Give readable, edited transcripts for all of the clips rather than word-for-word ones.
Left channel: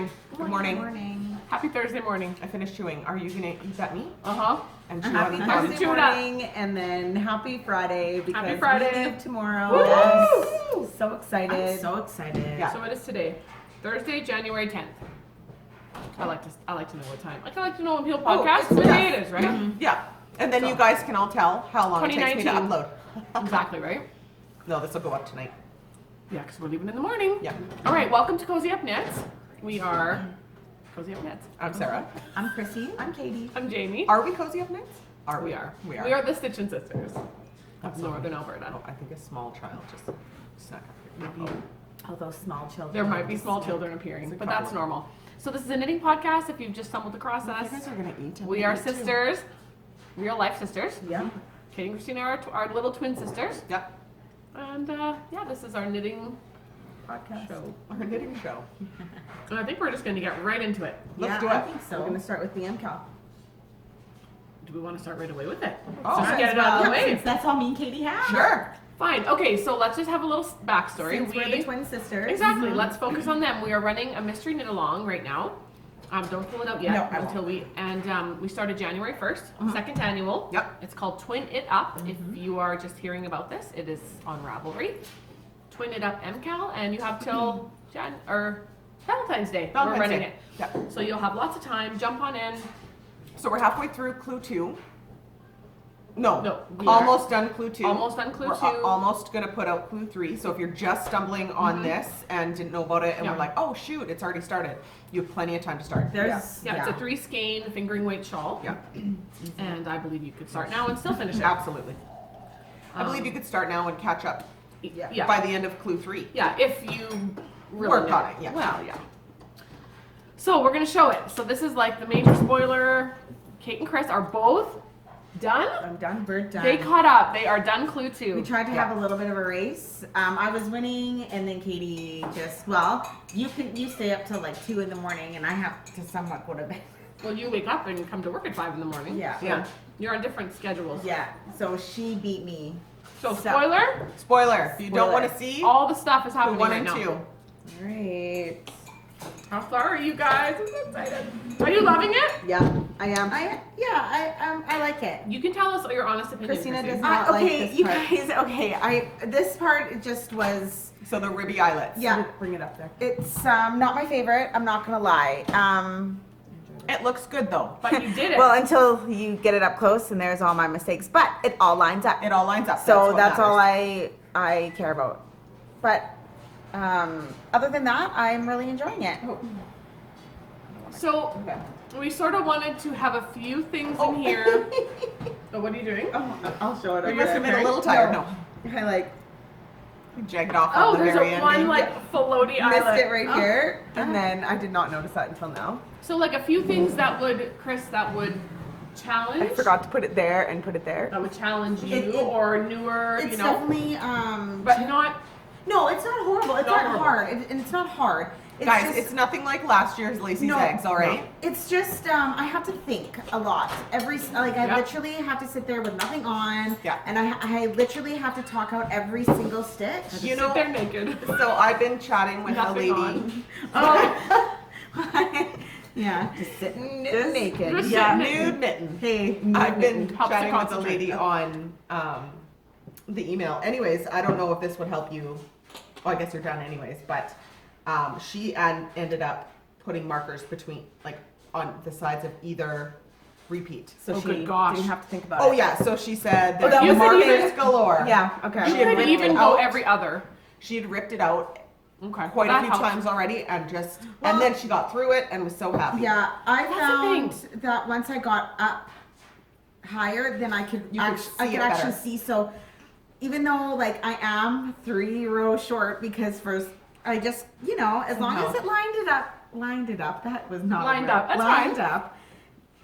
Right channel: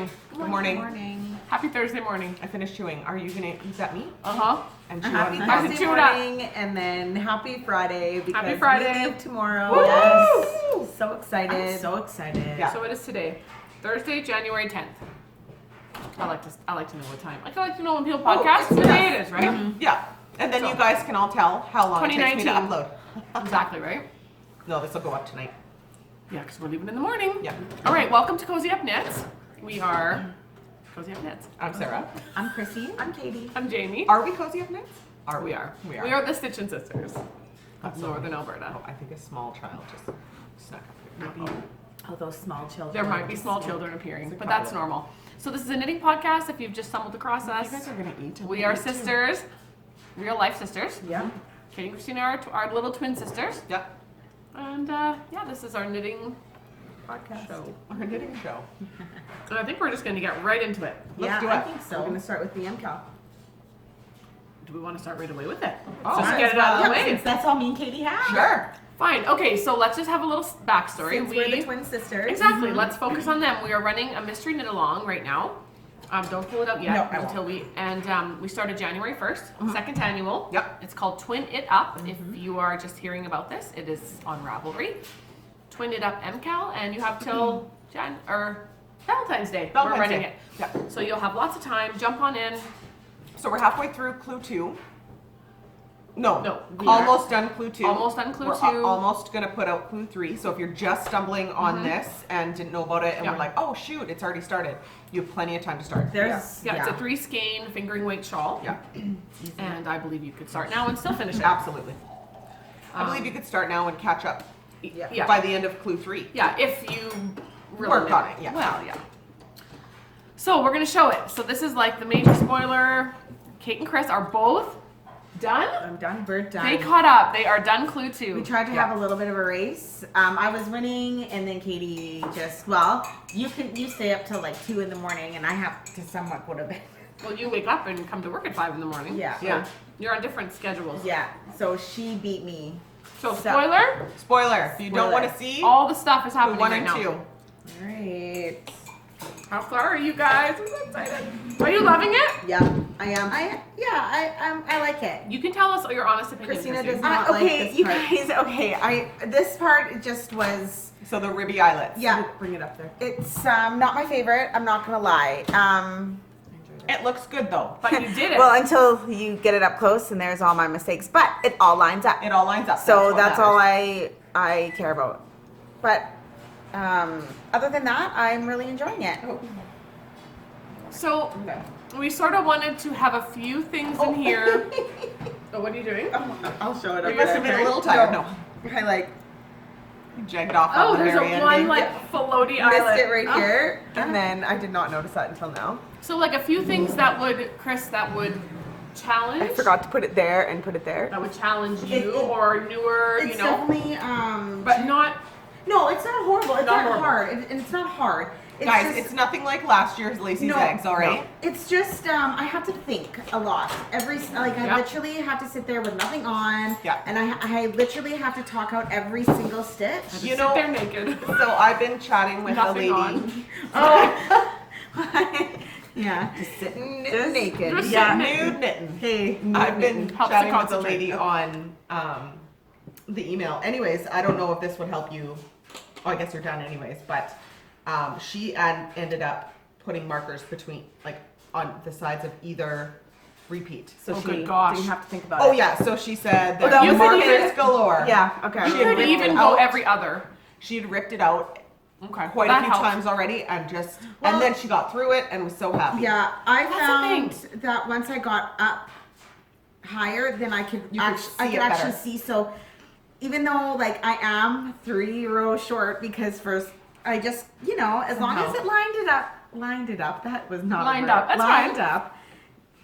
morning. Good morning. Good morning. Happy Thursday morning. I finished chewing. Are you gonna eat that meat? Uh-huh. And chew Happy on Thursday Thursday morning, and then happy Friday because Happy Friday. we leave tomorrow. Woo! Yes, so excited. I'm so excited. Yeah. So it is today, Thursday, January 10th. I like to know what time. I like to know when people podcast. What day it is, right? Mm-hmm. Yeah. And then So- you guys can all tell how long it takes me to 2019. upload. Exactly, right? No, this will go up tonight. Yeah, because we're leaving in the morning. Yeah. All right, welcome to Cozy Up Knits. We are Cozy Up Knits. I'm Sarah. I'm Chrissy. I'm Katie. I'm Jamie. Are we cozy up knits? We are. We are. We are the Stitchin' Sisters That's of Northern Alberta. Oh, I think a small child just snuck up. Uh-oh. All those small children. There might be small children appearing, It's but that's probably- normal. So this is a knitting podcast. If you've just stumbled across You us, guys are gonna eat. I'm we gonna are eat too. sisters, real life sisters. Yeah. Katie and Christina are our little twin sisters. Yep. And yeah, this is our knitting Podcast. show. Our knitting show. And I think we're just going to get right into it. Yeah, do I it. think so. We're gonna start with the MCAL. Do we want to start right away with it? Oh, Just might get as it out of the well, way. since that's all me and Katie have. Sure. Fine. Okay, so let's just have a little backstory. Since we're the twin sisters. Exactly. Let's focus on them. We are running a mystery knit along right now. Don't pull it up yet No, I until we started January 1st, second annual. Yep. It's called Twin It Up. If you are just hearing about this, it is on Ravelry. Twin It Up MCAL, and you have till Valentine's Day. We're Valentine's running Day. it. Yeah. So you'll have lots of time. Jump on in. So we're halfway through clue 2. No. No, we are Almost done clue 2. almost done clue We're 2. almost gonna put out clue 3. So if you're just stumbling on this and didn't know about it, and Yeah. we're like, oh shoot, it's already started. You have plenty of time to start. There's Yeah, it's a 3 skein fingering weight shawl. Yeah. And I believe you could start now and still finish it. Absolutely. I Um, believe you could start now and catch up Yeah. by the end of clue 3. Yeah, if you really Work on it, yeah. Well, yeah. So we're gonna show it. So this is like the major spoiler. Kate and Chris are both done. I'm done. We're done. They caught up. They are done clue 2. We tried to have a little bit of a race. I was winning, and then Katie you stay up till like 2 in the morning, and I have to somewhat go to bed. Well, you wake up and come to work at 5 in the morning. Yeah. So Yeah. you're on different schedules. Yeah. So she beat me. So So- spoiler, Spoiler. If you don't Spoiler. want to see, all the stuff is clue happening 1 right and now. 2. All right. How far are you guys? I'm so excited. Are you loving it? Yeah, I am. I like it. You can tell us your honest opinion. Christina Chrissy. does not like Okay, this you part. guys. Okay, this part just was. So the ribby eyelets. Yeah, bring it up there. It's not my favorite. I'm not gonna lie. It looks good though. But you did it. Well, until you get it up close, and there's all my mistakes. But it all lines up. It all lines up. So what that's all matters. I care about. But other than that, I'm really enjoying it. Oh. So Okay. we sort of wanted to have a few things in here. Oh, what are you doing? I'll show it. You up must there. have been a little tired. No. I like Jagged off Oh, on the there's very a end. one maybe. like floaty missed eyelet. it right here, and then I did not notice that until now. So like a few things that would, Chris, that would challenge. I forgot to put it there and put it there. That would challenge you It- or newer, It's you know. definitely But not. no, it's not horrible. It's Not not horrible. hard, and it's not hard. It's Guys, just, it's nothing like last year's Lacey's No, eggs, all right? no. It's just I have to think a lot. I Yeah. literally have to sit there with nothing on. Yeah. And I literally have to talk out every single stitch. You Sit know- there naked. So I've been chatting with a Nothing lady. on. Oh. Yeah, just sitting Just- naked. just Yeah. sitting Nude knitting. Hey, I've been Helps to chatting with a concentrate. lady on the email. Anyways, I don't know if this would help you. Oh, I guess you're done anyways. But she ended up putting markers between, like, on the sides of either repeat. So Oh, she good gosh. didn't have to think about Oh it. yeah, so she said Oh, that that you was markers it. galore. Yeah. Okay. You She had could ripped even it go out. every other. She'd ripped it out Okay. quite a that few helps. times already, and just Well- and then she got through it and was so happy. Yeah, I That's the found thing. that once I got up higher, then I could You could I see could it actually better. see. So even though like I am 3 rows short because first I just as long as Somehow. it lined it up. That was not Lined a word. up, that's lined fine. up.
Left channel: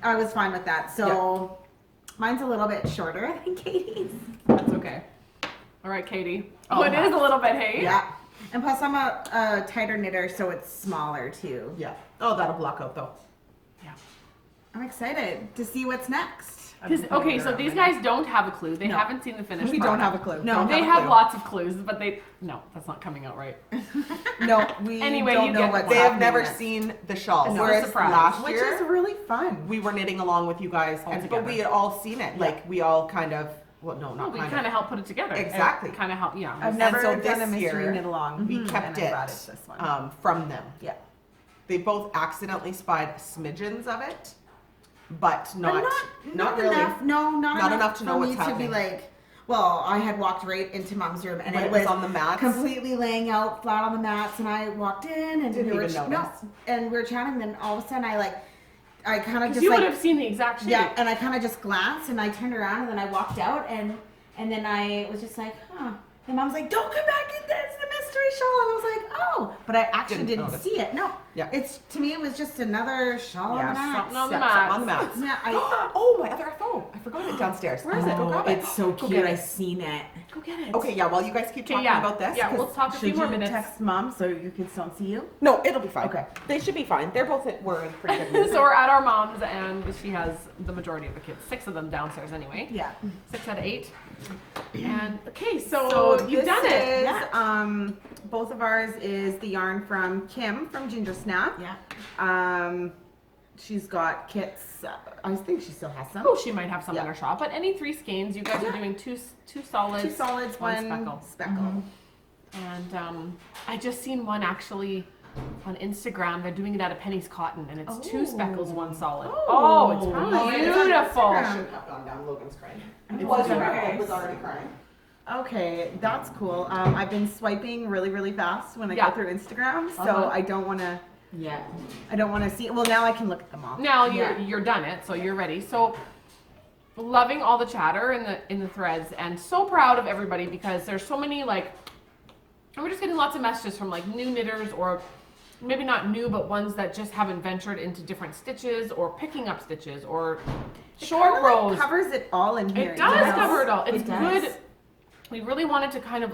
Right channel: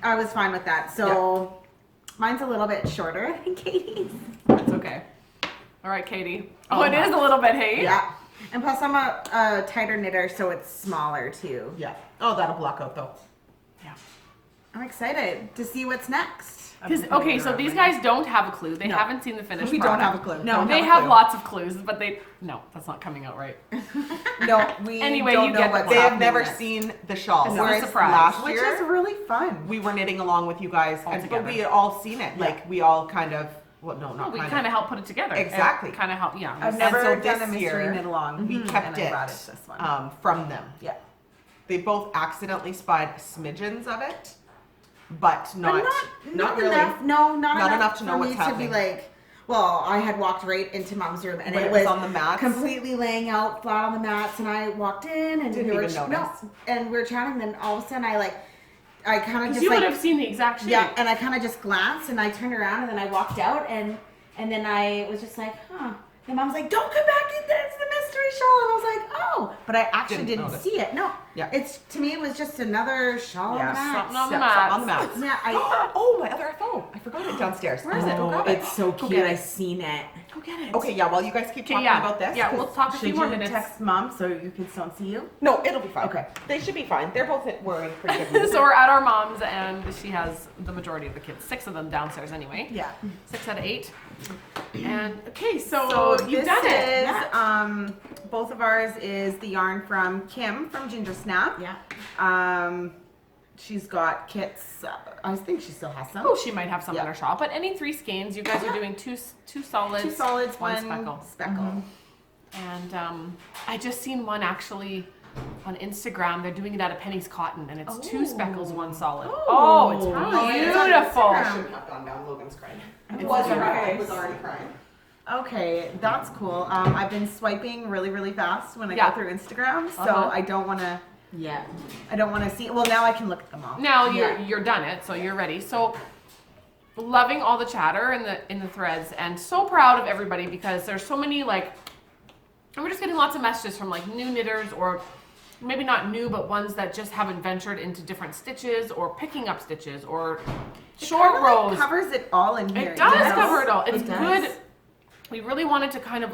I was fine with that. So mine's a little bit shorter than Katie's. That's okay. All right, Katie. Oh, it is a little bit, hey? Yeah. And plus I'm a tighter knitter, so it's smaller too. Yeah. Oh, that'll block out though. I'm excited to see what's next. Because okay, so these guys don't have a clue. They No. haven't seen the finished. We don't product. have a clue. No. They have lots of clues, but that's not coming out right. No, we Anyway, don't you know get what's They have happening never next. seen the shawl. It's a Whereas surprise. last Which year is really fun. we were knitting along with you guys, All but together. we had all seen it. Like we all kind of, well, no, Well, not we kind kind of. of help put it together. Exactly. Kind of help. Yeah. I've And never so done a this mystery year, knit along. We and kept I it brought this one. from them. Yeah. They both accidentally spied smidgens of it, but not not really. enough. No, not enough to know for what's me happening. to be like. Well, I had walked right into Mom's room, and When it it was was on the mats? completely laying out flat on the mats. And I walked in, and Didn't we were even notice. and we were chatting. Then all of a sudden, I kind of Because just you like would have seen the exact shape. yeah, and I kind of just glanced, and I turned around, and then I walked out, and then I was just like, huh. And Mom's like, don't come back in there. It's the mystery shawl. And I was like, oh, but I actually Didn't didn't notice. see it. No, Yeah. it's to me, it was just another shawl Yeah, on the mat. something on the Something mats. on the mats. Yeah, Oh, my other phone. I forgot it downstairs. Where is it? Go Oh, grab it. it's so Go cute. get I it. seen it. Go get it. Okay, yeah, while you guys keep Okay, talking yeah. about this. Yeah, 'cause- we'll talk a few Should more you minutes. text Mom so your kids don't see you? No, it'll be fine. Okay. They should be fine. They're both were in pretty good mood. So we're at our mom's, and she has the majority of the kids. 6 of them downstairs anyway. Yeah. 6 out of 8. And okay, so, So you've this done it. is, Yeah. both of ours is the yarn from Kim from Ginger Snap. Yeah. She's got kits. I think she still has some. Oh, she might have some Yeah. in her shop, but any 3 skeins. You guys are doing two solids. 2 solids, one one speckle. speckle. And I just seen one actually on Instagram. They're doing it out of Penny's cotton, and it's 2 speckles, 1 solid. Oh, it's oh, beautiful. I shouldn't have gone down. Logan's crying. It Oh, was okay. already, it was already crying. Okay, that's cool. I've been swiping really, really fast when I Yeah. go through Instagram, so Uh-huh. I don't want to. Yeah. I don't want to see. Well, now I can look at them all. Now Yeah. you're done it, so you're ready. So loving all the chatter in the threads, and so proud of everybody because there's so many and we're just getting lots of messages from like new knitters, or maybe not new, but ones that just haven't ventured into different stitches or picking up stitches or short Kinda, rows. covers it all in here. It does you know? cover it all. It's It does. good. We really wanted to kind of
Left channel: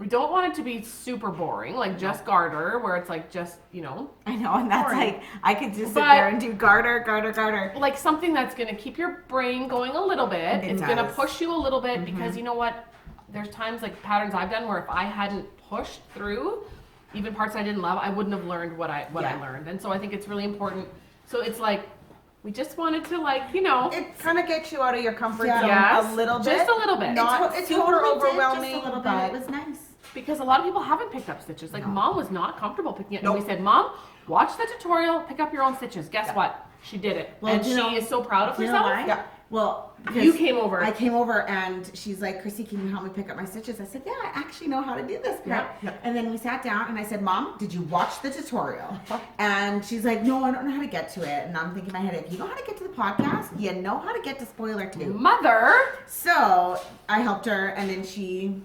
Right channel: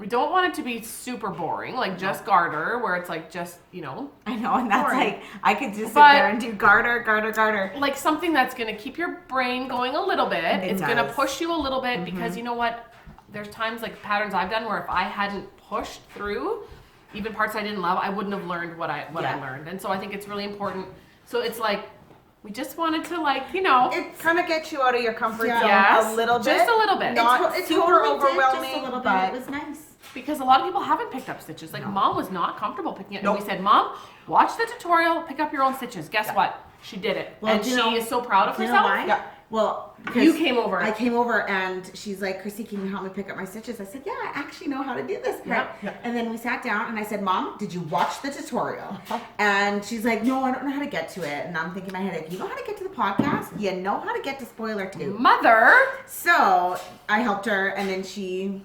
we don't want it to be super boring, like just garter, where it's like just, I know, and that's Boring. like, I could just sit But- there and do garter. like something that's going to keep your brain going a little bit. It It's going to does. push you a little bit because you know what? There's times like patterns I've done where if I hadn't pushed through, even parts I didn't love, I wouldn't have learned what I Yeah. learned. And so I think it's really important. So it's like we just wanted to It kind of gets you out of your comfort Yeah. zone Yes, a little bit. just a little bit. Not It super totally did, overwhelming, just a little bit. but It was nice. because a lot of people haven't picked up stitches. Like Mom was not comfortable picking it. And we said, Mom, watch the tutorial, pick up your own stitches. Guess what? She did it. Well, and do you she know- is so proud of You know herself. why? Yeah. Well, You because came over. I came over and she's like, Chrissy, can you help me pick up my stitches? I said, yeah, I actually know how to do this part. Yeah. And then we sat down and I said, Mom, did you watch the tutorial? And she's like, no, I don't know how to get to it. And I'm thinking in my head, you know how to get to the podcast? You know how to get to spoiler 2. Mother. So I helped her and then she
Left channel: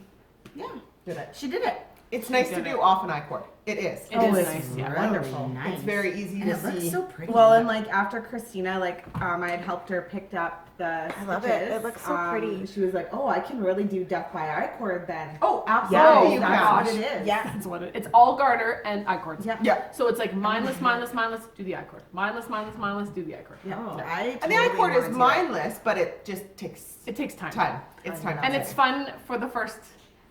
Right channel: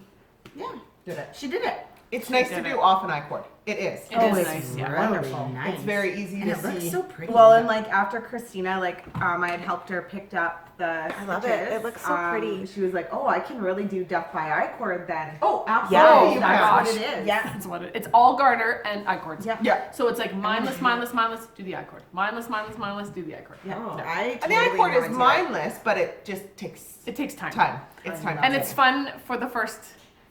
Did it. did it. It's nice to did do off an I-cord. It is. It Oh, is it's nice, yeah. wonderful. Nice. It's very easy And to it looks see. so pretty. well, and like after Christina, I had helped her picked up the. I love it. stitches. It looks so pretty. She was like, "Oh, I can really do death by I cord then." Oh, Yeah. absolutely. you that's can. what it is. Yeah. That's what it's all garter and I-cords. Yeah. Yeah. So it's like mindless, do the I-cord. Mindless, do the I-cord. Yeah. Oh. I And the totally I-cord wanna is do it. mindless, but it just takes It takes time. time. It's time. And it's fun for the first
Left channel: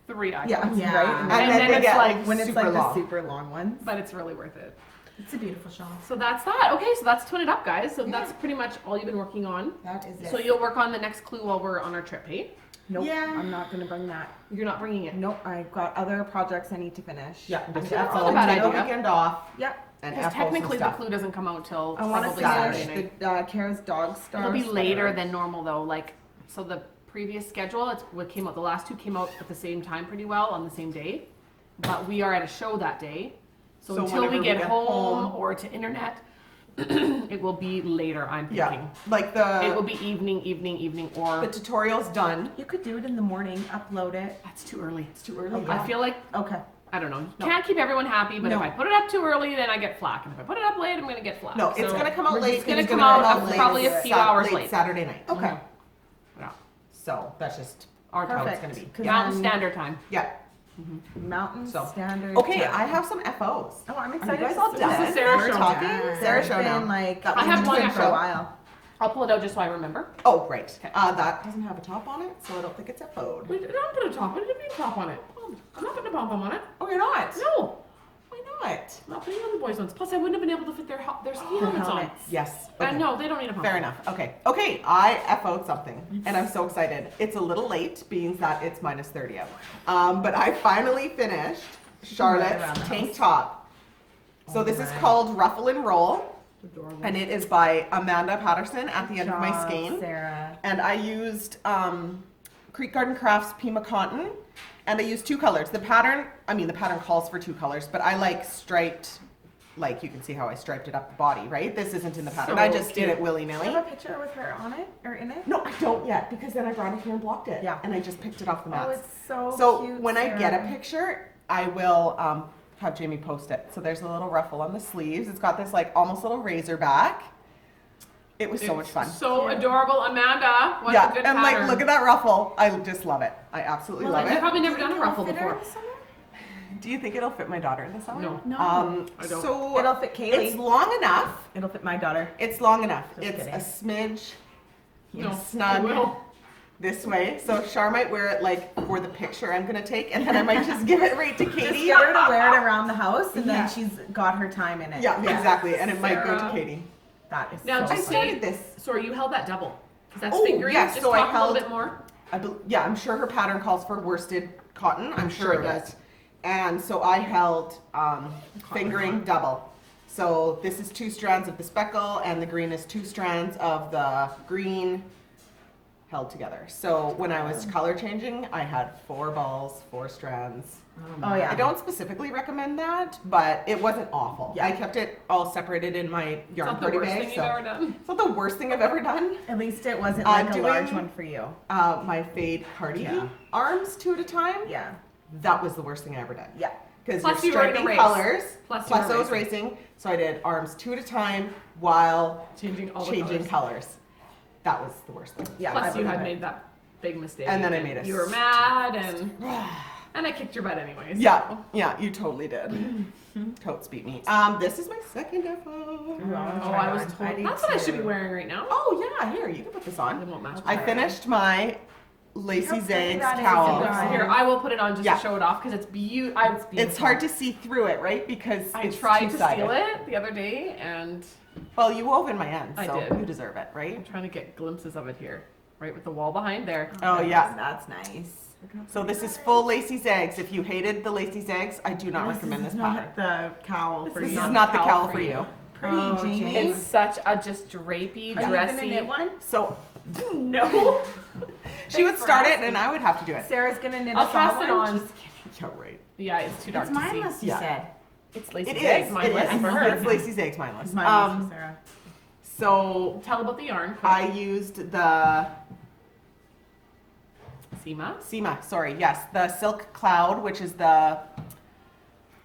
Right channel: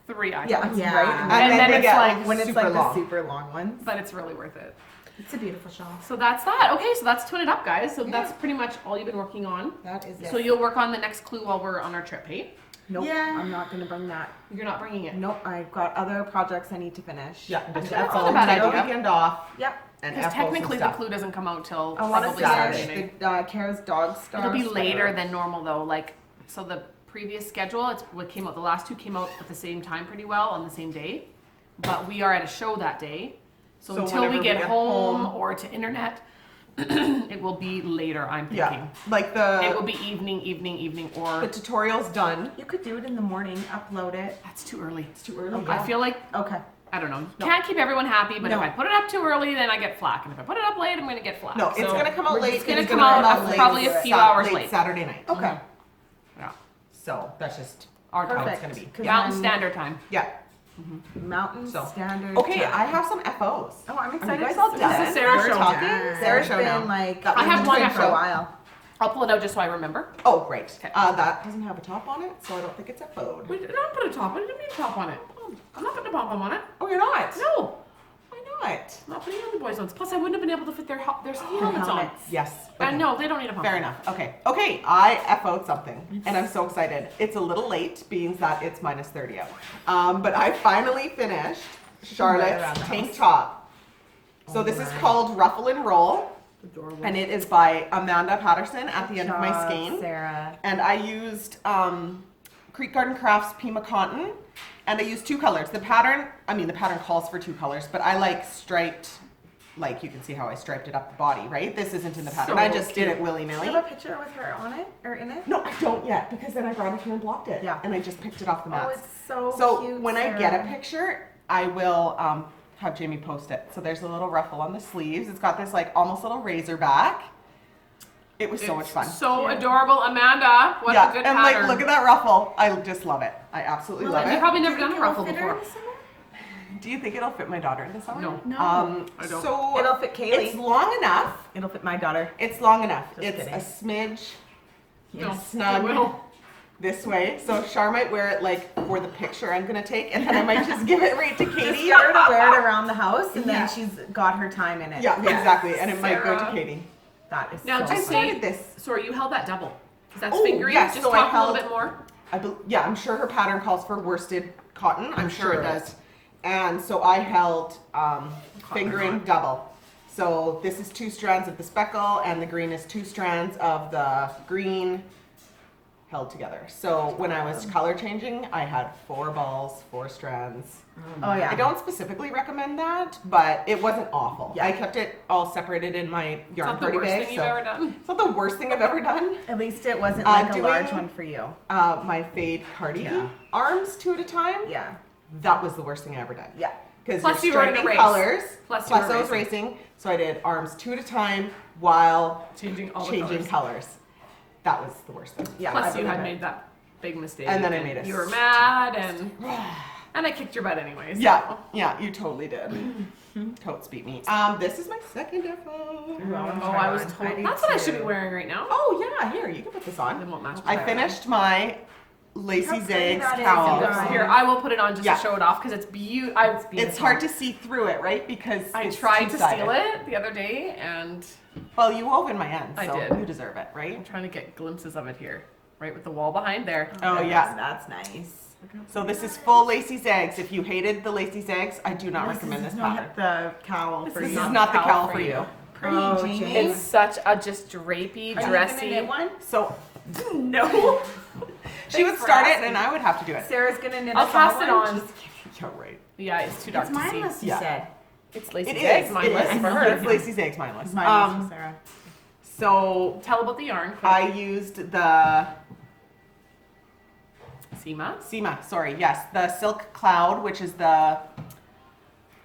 3 I-cords. Yeah, Yeah. right. And then then they it's get like when it's super like long. the super long ones. But it's really worth it. It's a beautiful shawl. So that's that. Okay, so that's Twin It Up, guys. So that's pretty much all you've been working on. That is it. So you'll work on the next clue while we're on our trip, hey? Nope, Yeah. I'm not gonna bring that. You're not bringing it. Nope, I've got other projects I need to finish. Yeah, That's that's not all. a bad Take a idea. weekend off Yep. and Because FO some technically the stuff. clue doesn't come out till I want to probably Saturday finish night. the Kara's Dog Star. It'll be later sweater. than normal though. So the previous schedule, it's what came out. The last 2 came out at the same time pretty well on the same day. But we are at a show that day. So So until whenever we we get get home home- or to internet, it will be later, I'm Yeah, thinking. like It will the be evening, or tutorial's done. You could do it in the morning, upload it. that's too early. It's too early. I feel like, Okay. I don't know. No. Can't keep everyone happy, but No. if I put it up too early, then I get flack. And if I put it up late, I'm going to get flack. No, it's So- gonna come out we're late. just gonna It's come gonna out late probably a few hours late. Saturday night. Okay. Yeah. So that's just Our how time. it's gonna be. 'Cause Mountain then Standard Time. Yeah. Mountain So. Standard. Okay, Time. I have some FOs. Oh, I'm Are you excited. guys to all see done? This is Sarah's We're show. talking. Yeah. Sarah's Sarah's show been now. like That I was have the one twin FO. for a show. while. I'll pull it out just so I remember. Oh, right. Okay. That doesn't have a top on it, so I don't think it's a phone. Wait, don't put a top on it. Don't put a top on it. I'm not putting a pom-pom on it. Oh, you're not? No. Why not? I'm not putting on the boys' ones. Plus, I wouldn't have been able to fit their ski helmets on. helmets. Yes. And no, they don't need a pom-pom. Fair enough. Okay. Okay, I F-O'd something, and I'm so excited. It's a little late, being that it's minus 30 out. But I finally finished around Charlotte's the tank house. top. So this is called Ruffle and Roll, Adorable. and it is by Amanda Patterson at the end of my skein. Sarah. And I used Creek Garden Crafts Pima Cotton, and I used 2 colors. The pattern calls for 2 colors, but I like striped, like you can see how I striped it up the body, right? This isn't in the pattern. So I just did cute. it Do willy-nilly. you have a picture with her on it or in it? No, I don't yet, because then I brought it here and blocked it. Yeah. And I just picked it off the Oh, mats. it's so So cute. when I get a Sarah. picture, I will have Jamie post it. So there's a little ruffle on the sleeves. It's got this like almost little razor back. It was so much fun. So Cute. adorable, Amanda. What yeah, a good and pattern. like look at that ruffle. I just love it. I absolutely Well, love You've it. probably never Do you done a think ruffle it'll fit her before. in the summer? Do you think it'll fit my daughter in the summer? No. No. I don't. So It'll fit Kaylee. it's long enough. It'll fit my daughter. It's long enough. Just it's kidding. a smidge No, snug I will. this way. So Char might wear it like for the picture I'm gonna take, and then I might just give it right to Just Katie. get her to wear it around the house, and Yeah. then she's got her time in it. Yeah, exactly. And it might go to Sarah. Katie. That is Now so just funny. started this. Sorry, you held that double. Because that's Oh, fingering. yes, Just so I talk a little held- bit more. Yeah, I'm sure her pattern calls for worsted cotton. I'm sure it it does. And so I held fingering double. So this is 2 strands of the speckle, and the green is 2 strands of the green held together. So when I was color changing, I had 4 balls, 4 strands. Oh yeah. I don't specifically recommend that, but it wasn't awful. Yeah. I kept it all separated in my It's yarn not the party worst bag. thing you've So ever done. it's not the worst thing I've ever done. At least it wasn't like a doing- large one for you. My fade Cardi Yeah. arms 2 at a time. Yeah. That was the worst thing I ever done. Yeah. Because Plus you're you were in a striking race. colors. Plus Plus you I were was racing. So I did arms 2 at a time while Changing all the changing colors. colors. That was the worst thing. Yeah. Plus I you believe had it. made that big mistake. And then I made it. You were mad and I kicked your butt anyways. Yeah, you totally did. Totes beat me. This is my second FO. Oh, I was told. need That's what I should be to. wearing right now. Oh yeah, here, you can put this It on. won't match. I Try it finished my Lacy How pretty Zags that is, cowl. you guys. Here, I will put it on just Yeah. to show it off because it's beautiful. It's hard to see through it, right? Because I it's tried to two-sided. steal it the other day and Well, you wove in my end, I so did. you deserve it, I'm right? trying to get glimpses of it here. Right with the wall behind there. Oh, yeah. That's nice. So this is full Lacy Zags. If you hated the Lacy Zags, I do not recommend this pattern. not the cowl for This you. is not the cowl for you. Pretty, Oh, Jamie. It's such a just drapey, Are you dressy. gonna knit one? So No. she would Thanks for start it, asking. and I would have to do it. Sarah's gonna knit I'll us all pass it one. on. Yeah, right. Yeah, it's too dark It's to see. mindless, you Yeah. said. It's Lacy It Zags, is. mindless It is. for her. It's Lacy Zags mindless. It's mindless for Sarah. So Tell about the yarn. I used the Seema. Seema, sorry, yes, the Silk Cloud, which is the,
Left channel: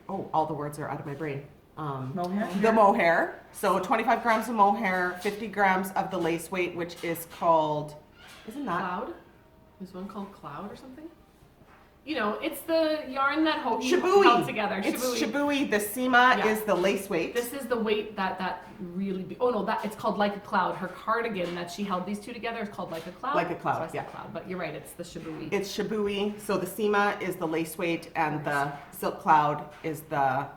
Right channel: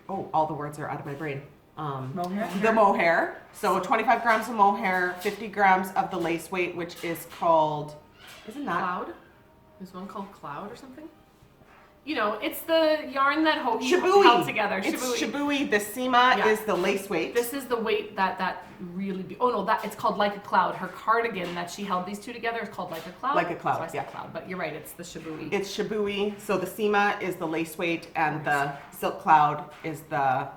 oh, all the words are out of my brain. Mohair? The mohair. So 25 grams of mohair, 50 grams of the lace weight, which is called, isn't that? Cloud. There's one called Cloud or something. You know, it's the yarn that Hoagie Shabui. held together. It's Shabui. Shabui. The Seema Yeah. is the lace weight. This is the weight that really. Oh no, that it's called Like a Cloud. Her cardigan that she held these two together is called Like a Cloud. Like a Cloud, So I said yeah. Cloud, but you're right. It's the Shabui. It's Shabui. So the Seema is the lace weight, and the Silk Cloud is the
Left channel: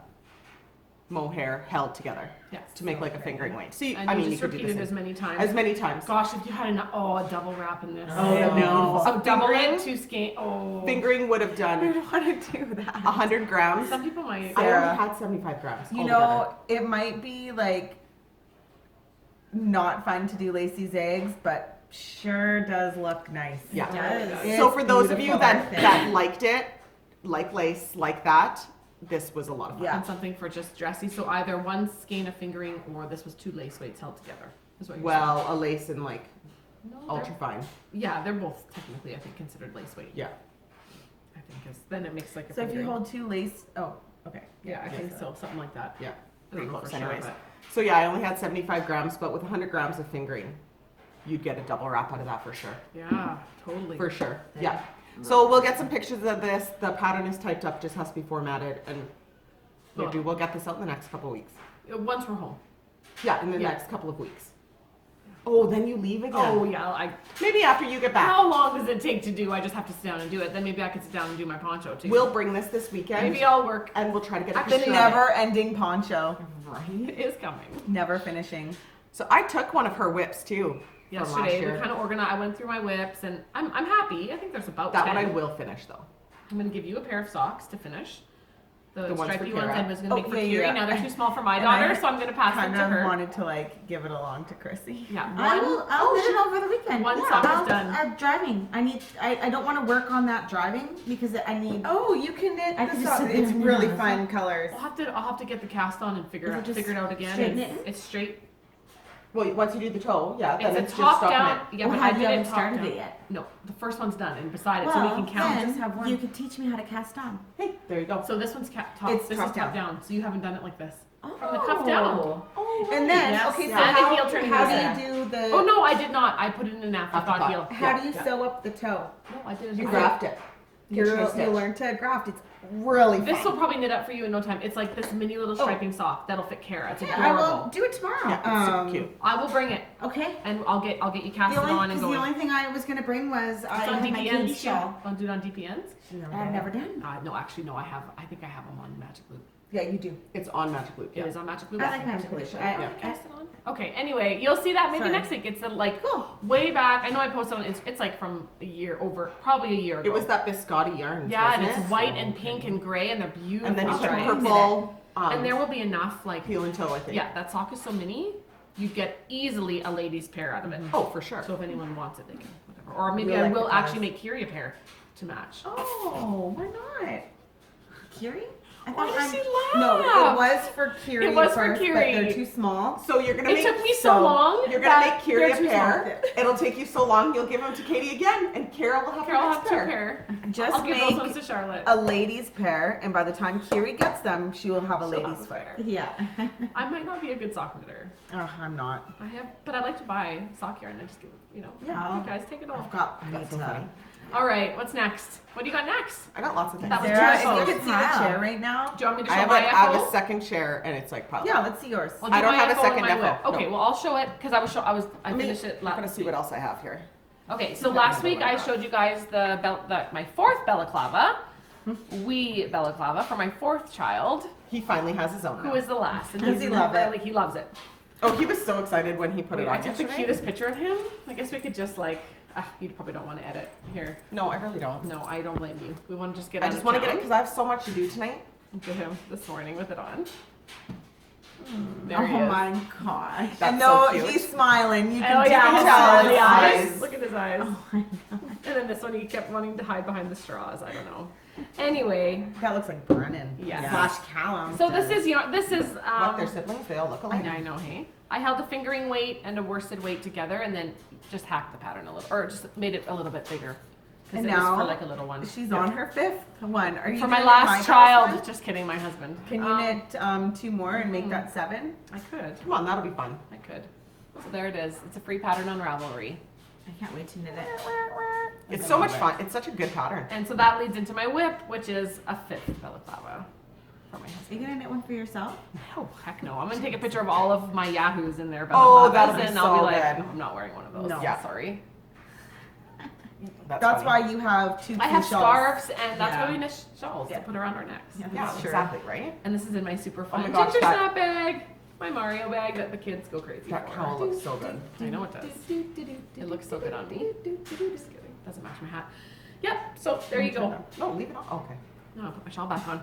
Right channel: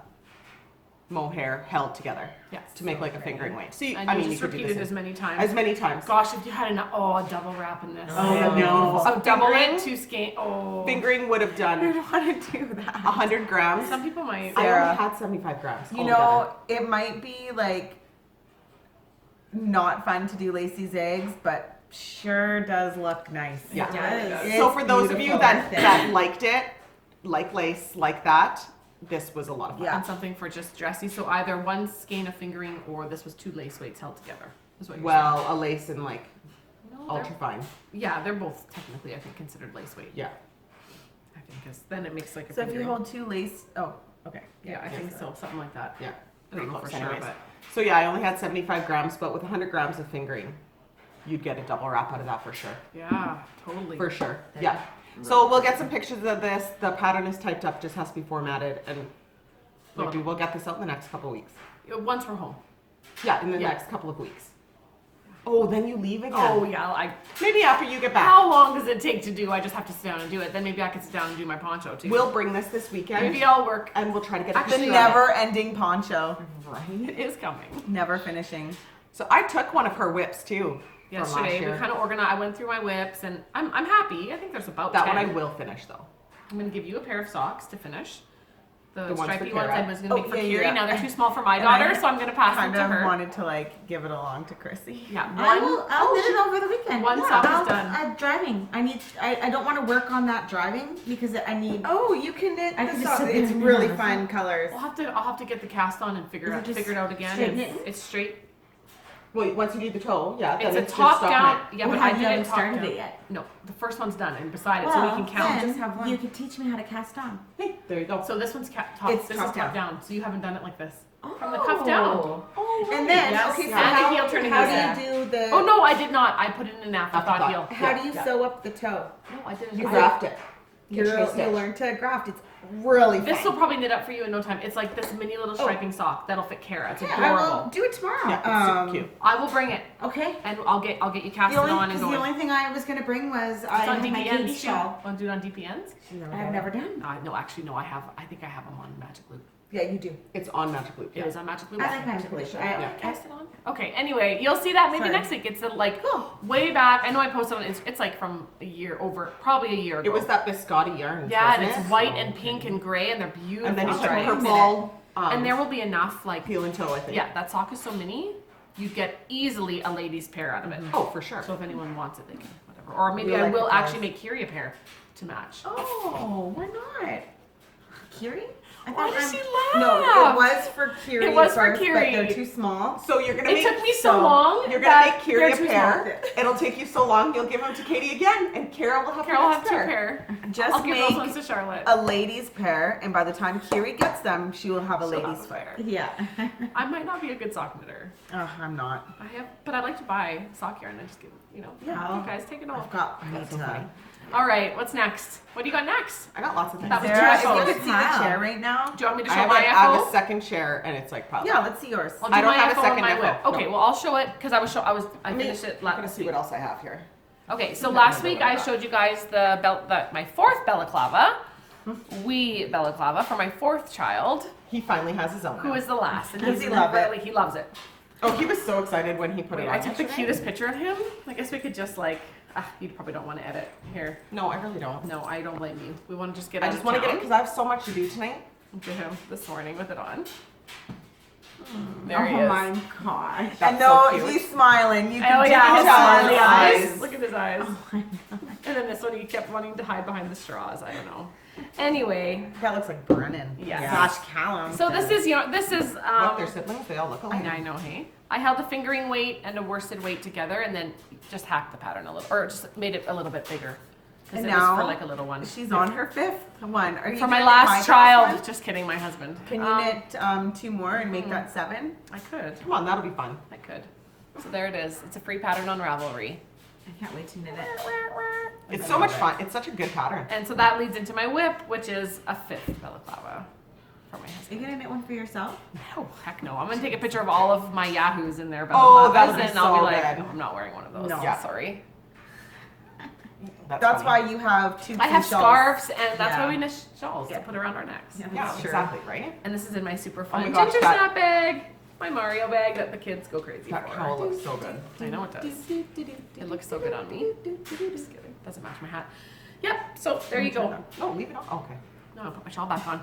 mohair held together Yes. to make like a fingering weight. So you, And I you mean, just you could do repeat it the as same. many times. As many times. Gosh, if you had a double wrap in this. Oh, that'd be beautiful. So double Fingering? it, 2 skein. Oh. Fingering would have I done don't want to do that. 100 grams. Some people might. I Sarah. only had 75 grams. You altogether. know, it might be like not fun to do lacy zags, but sure does look nice. Yeah. It does. So It's for those of you beautiful, that, I think. that liked it, like lace, like that, this was a lot of fun. Yeah. And something for just dressy. So either one skein of fingering or this was 2 lace weights held together. Is what you're Well, a lace and like saying. No, ultra fine. yeah, they're both technically, I think, considered lace weight. Yeah. I think, because then it makes like a. So if you fingering. hold 2 lace, oh, okay. Yeah, I think so. Something like that. Yeah. I Pretty don't know for close sure, anyways. but So yeah, I only had 75 grams, but with 100 grams of fingering, you'd get a double wrap out of that for sure. yeah, totally. For sure. Yeah. So we'll get some pictures of this. The pattern is typed up, just has to be formatted, and maybe we'll get this out in the next couple of weeks. Once we're home. Yeah, in the Yeah. next couple of weeks. Oh, then you leave again. Oh yeah, Maybe after you get back. how long does it take to do? I just have to sit down and do it. Then maybe I could sit down and do my poncho too. We'll bring this weekend. Maybe I'll work. And we'll try to get a The picture of it. never-ending poncho. Right. It is coming. Never finishing. So I took one of her whips too. from last Yesterday we year. kind of organized. I went through my whips and I'm happy. I think there's about That 10. one I will finish though. I'm gonna give you a pair of socks to finish. The ones for stripy ones Kara. I was gonna make for yeah, Kiri. yeah. Now they're too small for my And I daughter, so I'm gonna pass them Kind to of her. wanted to like give it along to Chrissy. Yeah, I'll knit it over the weekend. one sock is done. Driving. I don't want to work on that driving because I need. Oh, you can knit I the can just socks. sit there It's and really knit. fun colors. I'll have to get the cast on and figure Is it just it out again. straight It's, knitting? it's straight. Well, once you do the toe, yeah, then It's a it's just top stuff down. knit. Yeah, Well, but I have you did haven't it top started down. it yet? No, the first one's done and beside it, so we can count. then Just have one. you could teach me how to cast on. Hey, there you go. So this one's top. It's This top is top down. So you haven't done it like this. From the cuff down. Oh, And then, Yes, okay, so and the heel how, turning how is do you do the? Oh no, I did not. I put it in an afterthought Afterthought. heel. How do you Yeah. sew up the toe? No, I did. you I- graft it. Get your You'll stitch. learn to graft. It's really This will fun. probably knit up for you in no time. It's like this mini little striping sock that'll fit Kara. It's Yeah, I will adorable. do it tomorrow. Yeah, it's super cute. I will bring it Okay. and I'll get you cast The only, on and cause going. the only thing I was gonna bring was I It's on had my DPNs kids too. shawl. Want to do it on DPNs? I've never done. No, actually, no. I think I have them on Magic Loop. Yeah, you do. It's on Magic Loop. It is on Magic Loop. I like Magic Loop. Yeah. Cast it on. Okay. Anyway, you'll see that maybe Sorry. next week. It's like way back. I know I posted on. It's like from probably a year ago. It was that biscotti yarn. Yeah, and wasn't it's it? white and pink and gray, and they're beautiful. And then you Okay. put purple. And there will be enough heel and toe, I think. Yeah, that sock is so mini, you get easily a lady's pair out of it. Oh, for sure. So if anyone wants it, they can whatever. Or maybe You'll I like will the actually colors. make Kiri a pair to match. Oh, why not? Kiri? I Why thought does she laugh? No, it was for Kiri It was for first, but Kiri. they're too small. So you're gonna It make took me so long. You're gonna that make Kiri they're a too pair. It'll take you so long. You'll give them to Katie again, and Kara will have small. Carol will her have next two pair. pair. Just I'll give those make ones to Charlotte. a ladies pair, and by the time Kiri gets them, she will have a She'll ladies have a pair. pair. Yeah. I might not be a good sock knitter. Oh, I'm not. But I like to buy sock yarn and just give Yeah. you guys take it I've off. got. I need That's so to. funny. All right, what's next? What do you got next? I got lots of things. That was Sarah, if two you photos. could see the chair right now. Do you want me to I show have, my I have a FO? second chair, and it's like piled Yeah, up. let's see yours. I'll do I don't my have a FO and second my FO, whip. Okay, no. well I'll show it because I finished it I'm last gonna see week. what else I have here. Okay, so last week I showed you guys my fourth balaclava, wee balaclava for my fourth child, He finally has his own. who now. is the last, and Does he's he love it? He loves it. Oh, he was so excited when he put Wait, it on. I took the yesterday. cutest picture of him. I guess we could just you probably don't want to edit here. No, I really don't. No, I don't blame you. We want to just get. I out just of want to get it town. because I have so much to do tonight. Look at him this morning with it on. There Oh he is. my gosh. And That's no, so cute. he's smiling. You can Oh yeah, tell. his tell his eyes. eyes. Look at his eyes. Oh my god. And then this one, he kept wanting to hide behind the straws. I don't know. Anyway, That looks like Brennan. Yes. Gosh, Callum. so this is Look, they're siblings. They all look alike. I know, hey. I held the fingering weight and a worsted weight together, and then just hacked the pattern a little, or just made it a little bit bigger. 'Cause And it was now for like a little one. She's on her fifth one. Are you For gonna my knit last girl's child. one? Just kidding, my husband. Can you knit two more and make that 7? I could. Come on, that'll be fun. I could. So there it is. It's a free pattern on Ravelry. I can't wait to knit it. It's so much fun. It's such a good pattern. And so that leads into my whip, which is a 5th balaclava for my Are you husband. gonna knit one for yourself? Oh, heck no. I'm going to take a picture of all of my Yahoos in there. Oh, that'll be and I'll be so like, good. I'm not wearing one of those. No. Yeah. Sorry. That's funny. why you have two I have shawls. scarves, and that's Yeah. why we knit shawls Yeah. to put around our necks. Yeah. Yeah, Sure. exactly, right? And this is in my super Oh my fun gosh, ginger that- snap bag, my Mario bag that the kids go crazy That for. cowl looks so good. I know it does. It looks so good on me. Just kidding. Doesn't match my hat. Yep. So there you go. No, leave it on. Okay. No, I'll put my shawl back on.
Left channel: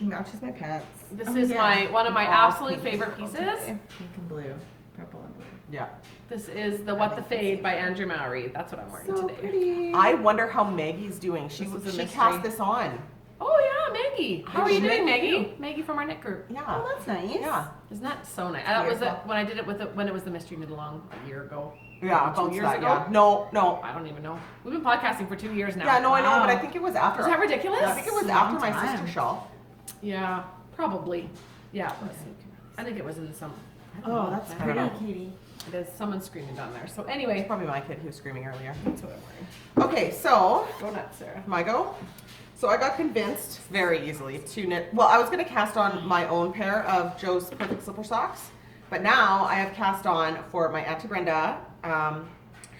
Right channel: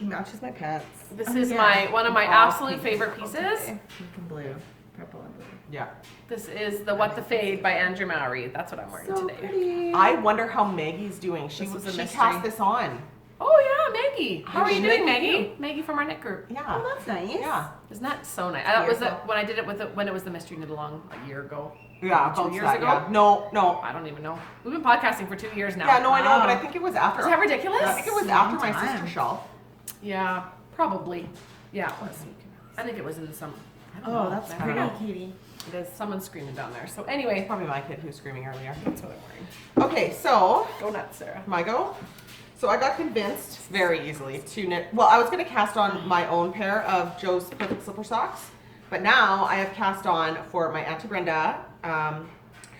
Matches my pants. This Oh, is yeah. one of my All absolute pink favorite and purple pieces. today. Pink and blue. Purple and blue. Yeah. This is the What the Fade by Andrew Mowry. That's what I'm wearing So today. pretty. I wonder how Maggie's doing. She This is a she mystery. passed this on. Oh yeah, Maggie. How are you Maggie. doing, Maggie? Maggie from our knit group. Yeah. Oh, that's nice. Yeah. Isn't that so nice? That was Beautiful. when I did it when it was the mystery knit along a year ago. Yeah. 2 About years that, ago? Yeah. No. I don't even know. We've been podcasting for 2 years now. Yeah, no, I know, but I Wow. think it was after. Is that ridiculous? I think it was That's a after long my time. sister's shawl. Yeah, probably. Yeah, let's see. I think it was in the summer. I don't Oh, know. that's I don't pretty, know. Katie. It is. Someone's screaming down there. So It's anyway, probably my kid who was screaming earlier. that's what I'm wearing. Okay, so Go nuts, Sarah. my go. So I got convinced very easily to knit. Well, I was going to cast on my own pair of Joe's Perfect Slipper Socks, But now I have cast on for my Auntie Brenda,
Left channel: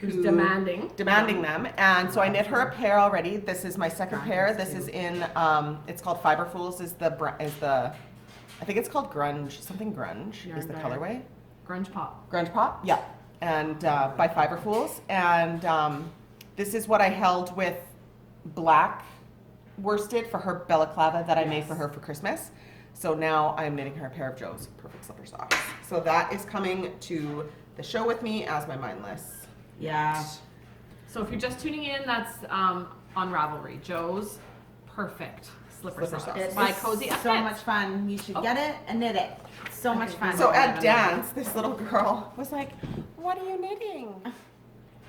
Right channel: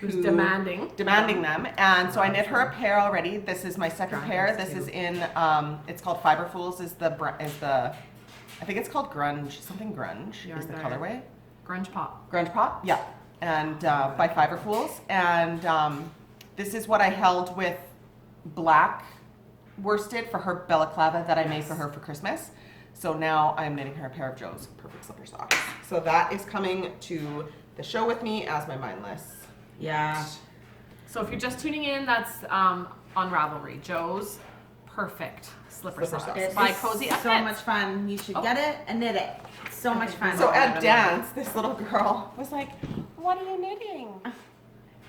Who's who- demanding them. And so I knit her a pair already. This is my second pair. This is in, it's called Fiber Fools is the, I think it's called Grunge, something Grunge is the colorway. Grunge pop. Grunge Pop, yeah. And by Fiber Fools. And this is what I held with black worsted for her balaclava that I made for her for Christmas. So now I'm knitting her a pair of Joe's Perfect Slipper socks. So that is coming to the show with me as my mindless. Yeah. So if you're just tuning in, that's on Ravelry. Joe's Perfect Slipper Slipper Socks socks. It's by CozyUpKnits. so much fun. You should get it and knit it. It's so much fun. So at dance, this little girl was like, "What are you knitting?"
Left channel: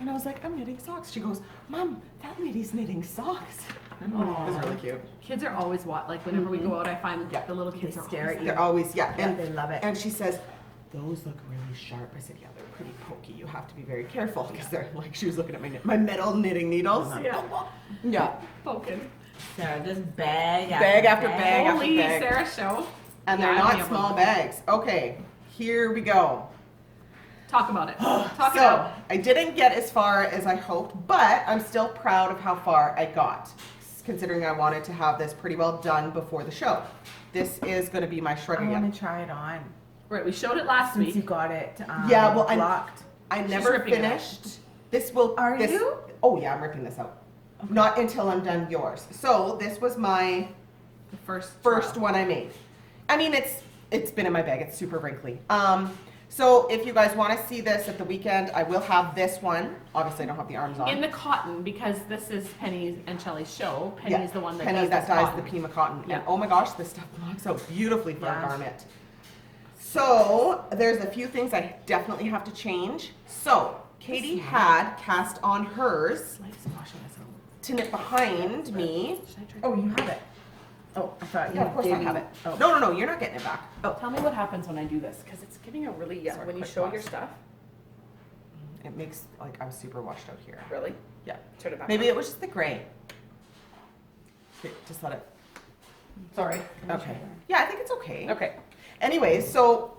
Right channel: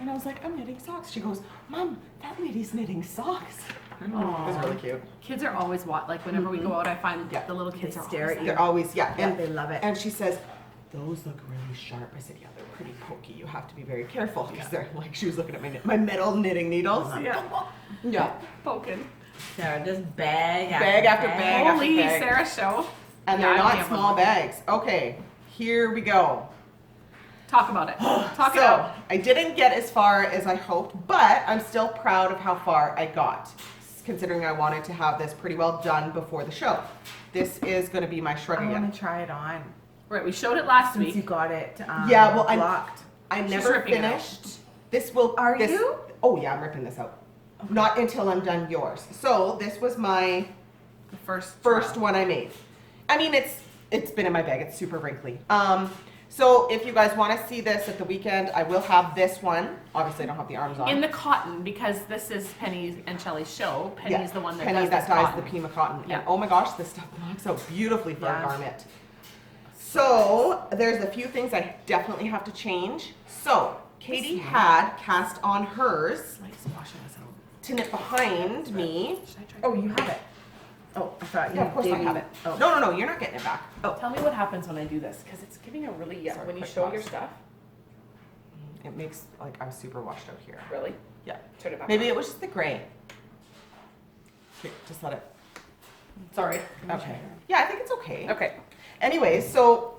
And I was like, "I'm knitting socks." She goes, "Mom, that lady's knitting socks." It was really cute. Kids are always like whenever we go out, I find Yeah. the little kids They are stare always at you. They're always, yeah. Yeah, And, they love it. and she says, "Those look really sharp." I said, "Yeah, they're pretty pokey. You have to be very careful." Because they're like, she was looking at my metal knitting needles. Yeah. Yeah. poking. Sarah, just bag Bag after bag. Holy bag. Sarah show. And Yeah, they're I not have small one. bags. Okay, here we go. Talk about it. Talk it So, out. I didn't get as far as I hoped, but I'm still proud of how far I got, considering I wanted to have this pretty well done before the show. This is going to be my I shredder. want to try it on Right, we showed it last since you week. got it. Yeah, well, blocked. I She's never ripping it out. finished. This will. Are this, you? Oh yeah, I'm ripping this out. Not until I'm done yours. So this was my The first one I made. I mean, it's been in my bag. It's super wrinkly. So if you guys want to see this at the weekend, I will have this one. Obviously, I don't have the arms on. in the cotton, because this is Penny and Shelley's show. Penny Yeah, is the one that Penny does that this dyes cotton. the Pima cotton. Yeah. And oh my gosh, this stuff blocks out beautifully for Yeah. a garment. So there's a few things I definitely have to change. So Katie had cast on hers Like squashing us out. to knit behind me. Should I try? Oh, you have it. Oh, I thought you Yeah, of course I gave me- have it. Oh. No, you're not getting it back. Tell me what happens when I do this, because it's giving a really Sorry, when you quick show pause. your stuff. It makes like I'm super washed out here. Really? Yeah. Turn it back. Maybe on. it was just the gray. Okay, just let it. Sorry. Okay. Yeah, I think it's okay. Okay. Anyway, so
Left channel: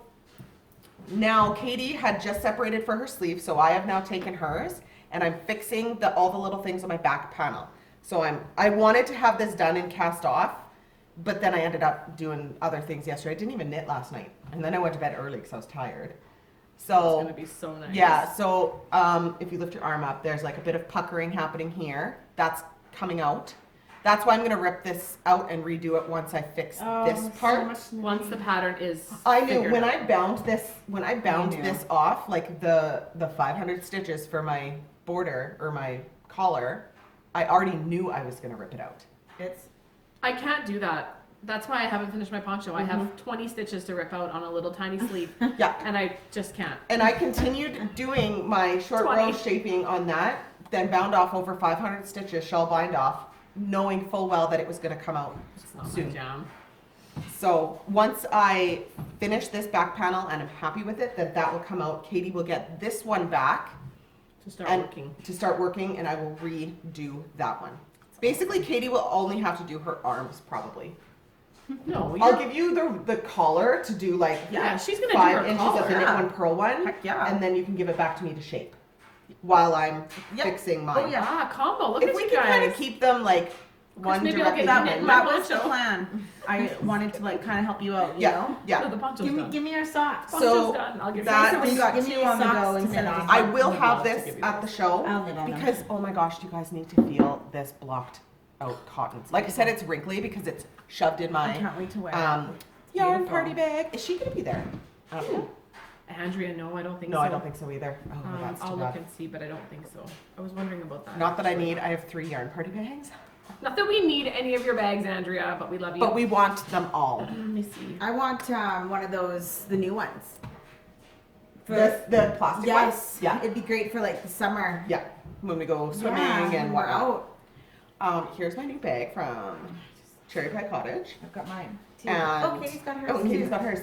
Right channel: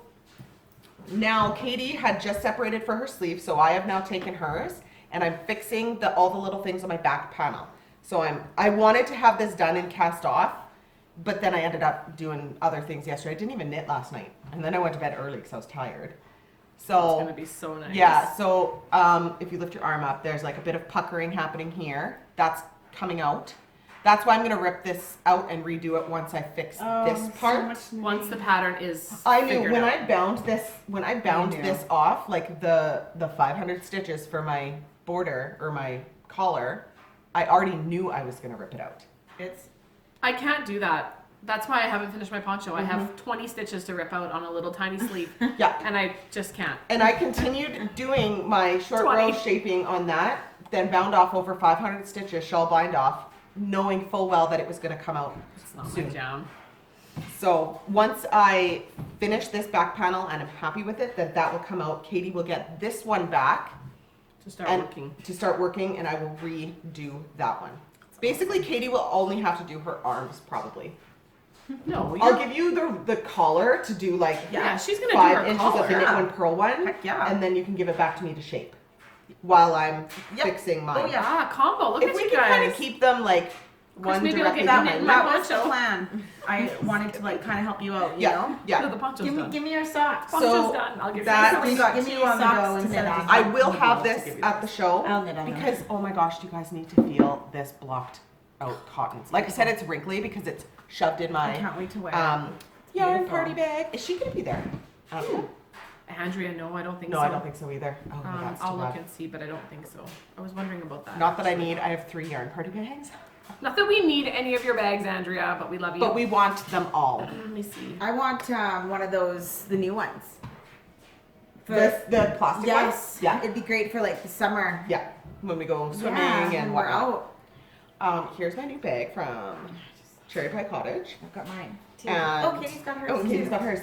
now Katie had just separated for her sleeve, so I have now taken hers and I'm fixing all the little things on my back panel. So I wanted to have this done and cast off, but then I ended up doing other things yesterday. I didn't even knit last night, and then I went to bed early because I was tired. It's So gonna be so nice. yeah, so if you lift your arm up, there's like a bit of puckering happening here. That's coming out. That's why I'm gonna rip this out and redo it once I fix Oh, this so part. much Once the pattern is. I knew figured when out. I bound knew. this off, like the 500 stitches for my border or my collar, I already knew I was gonna rip it out. It's I can't do that. That's why I haven't finished my poncho. I Mm-hmm. have 20 stitches to rip out on a little tiny sleeve, Yeah, and I just can't. and I continued doing my short 20. row shaping on that, then bound off over 500 stitches, shawl bind off, knowing full well that it was gonna come out It's not my soon. jam. So once I finish this back panel and I'm happy with it, then that will come out. Katie will get this one back To start and working. to start working, and I will redo that one. Basically, Katie will only have to do her arms probably. No, I'll you're, give you the collar to do like yeah, she's gonna do 5 her inches collar. of the knit yeah. one purl one, heck yeah. and then you can give it back to me to shape while I'm Yep. fixing mine. Oh, yeah. Ah, combo. Look If at we you can kind guys. of keep them like one maybe I'll directly get that, knit behind my that me. was the poncho. plan. I wanted to like kind of help you out, you Yeah, know. No, yeah. the poncho's Give me, done. give me your socks. Poncho's So done. I'll give that- you So we got give me you on the socks go to instead knit of on. just I like- will I'll have give this you at the show I'll knit on them. because oh my gosh, you guys need to feel this blocked out cotton. Like I said, it's wrinkly because it's shoved in I my can't wait to wear yarn Beautiful. party bag. Is she gonna be there? Andrea, no, I don't think No, so. I don't think so either. Oh my god, it's I'll too look bad. and see, but I don't think so. I was wondering about that. Not that I need. I have 3 yarn party bags, Not that we need any of your bags, Andrea, but we love you. but we want them all. Let me see. I want one of those, the new ones. The plastic Yes. ones. Yeah, It'd be great for like the summer. yeah. When we go swimming Yeah, and when we're whatnot. out. Here's my new bag from Cherry Pie Cottage. I've got mine too. And- Oh, Katie's got hers Oh, too. Katie's got hers.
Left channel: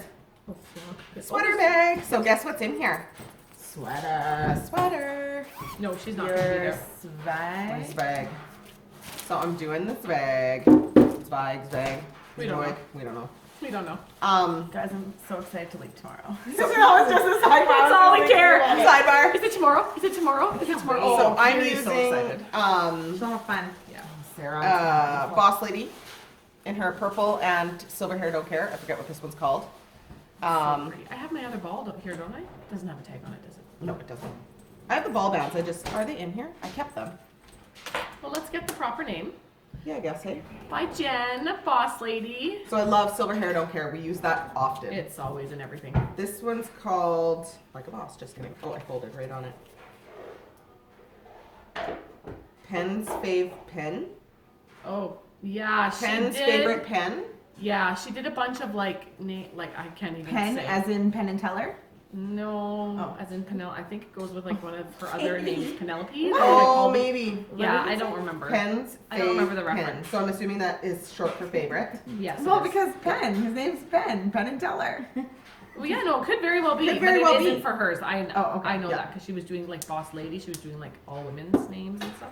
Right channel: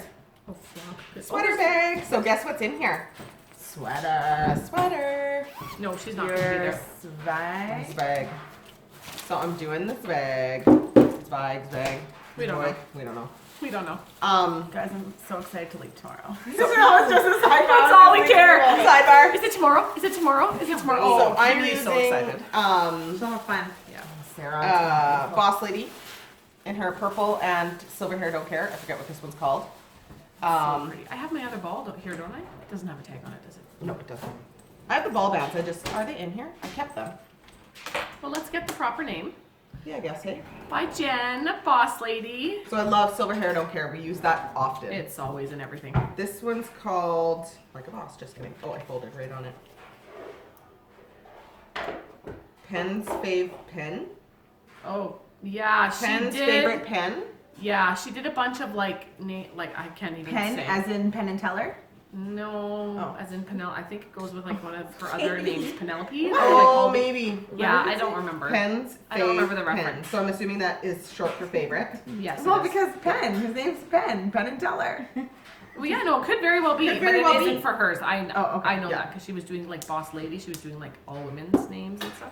Oh, yeah. This Sweater one's- bag. So guess what's in here? Sweater. A sweater. No, she's not gonna be Your there. This swag. bag. So I'm doing this bag. Zwag. We don't know. We don't know. We don't know. Guys, I'm so excited to leave tomorrow. So- No, it's just a sidebar. That's all we care. Sidebar. Is it tomorrow? Is it tomorrow? Is it tomorrow? So Oh, I'm Carrie's using so excited. So have fun. Yeah. Sarah, Boss Lady, in her purple and silver hair don't care. I forget what this one's called. So pretty. I have my other ball here, don't I? It doesn't have a tag on it, does it? No, it doesn't. I have the ball bands. Are they in here? I kept them. Well, let's get the proper name. Yeah, I guess, hey. By Jen, Boss Lady. So I love silver hair don't care. We use that often. It's always in everything. This one's called Like a Boss. Just kidding. Oh, I folded right on it. Pen's Fave Pen. Oh, yeah, she Pen's did. favorite pen. Yeah, she did a bunch of like I can't even Penn, say. as in Penn and Teller? No, Oh. as in Penelope. I think it goes with like one of her other names, Penelope. Oh, maybe. Yeah, I don't remember. Pen's I don't remember the Fave Pen. reference. So I'm assuming that is short for favorite. Yes. Well, it is. because Penn, his name's Penn and Teller. Well, yeah, no, it could very well be, Could but very it well isn't be. for hers. I know. Oh, okay. I know Yeah. that because she was doing like Boss Lady. She was doing like all women's names and stuff.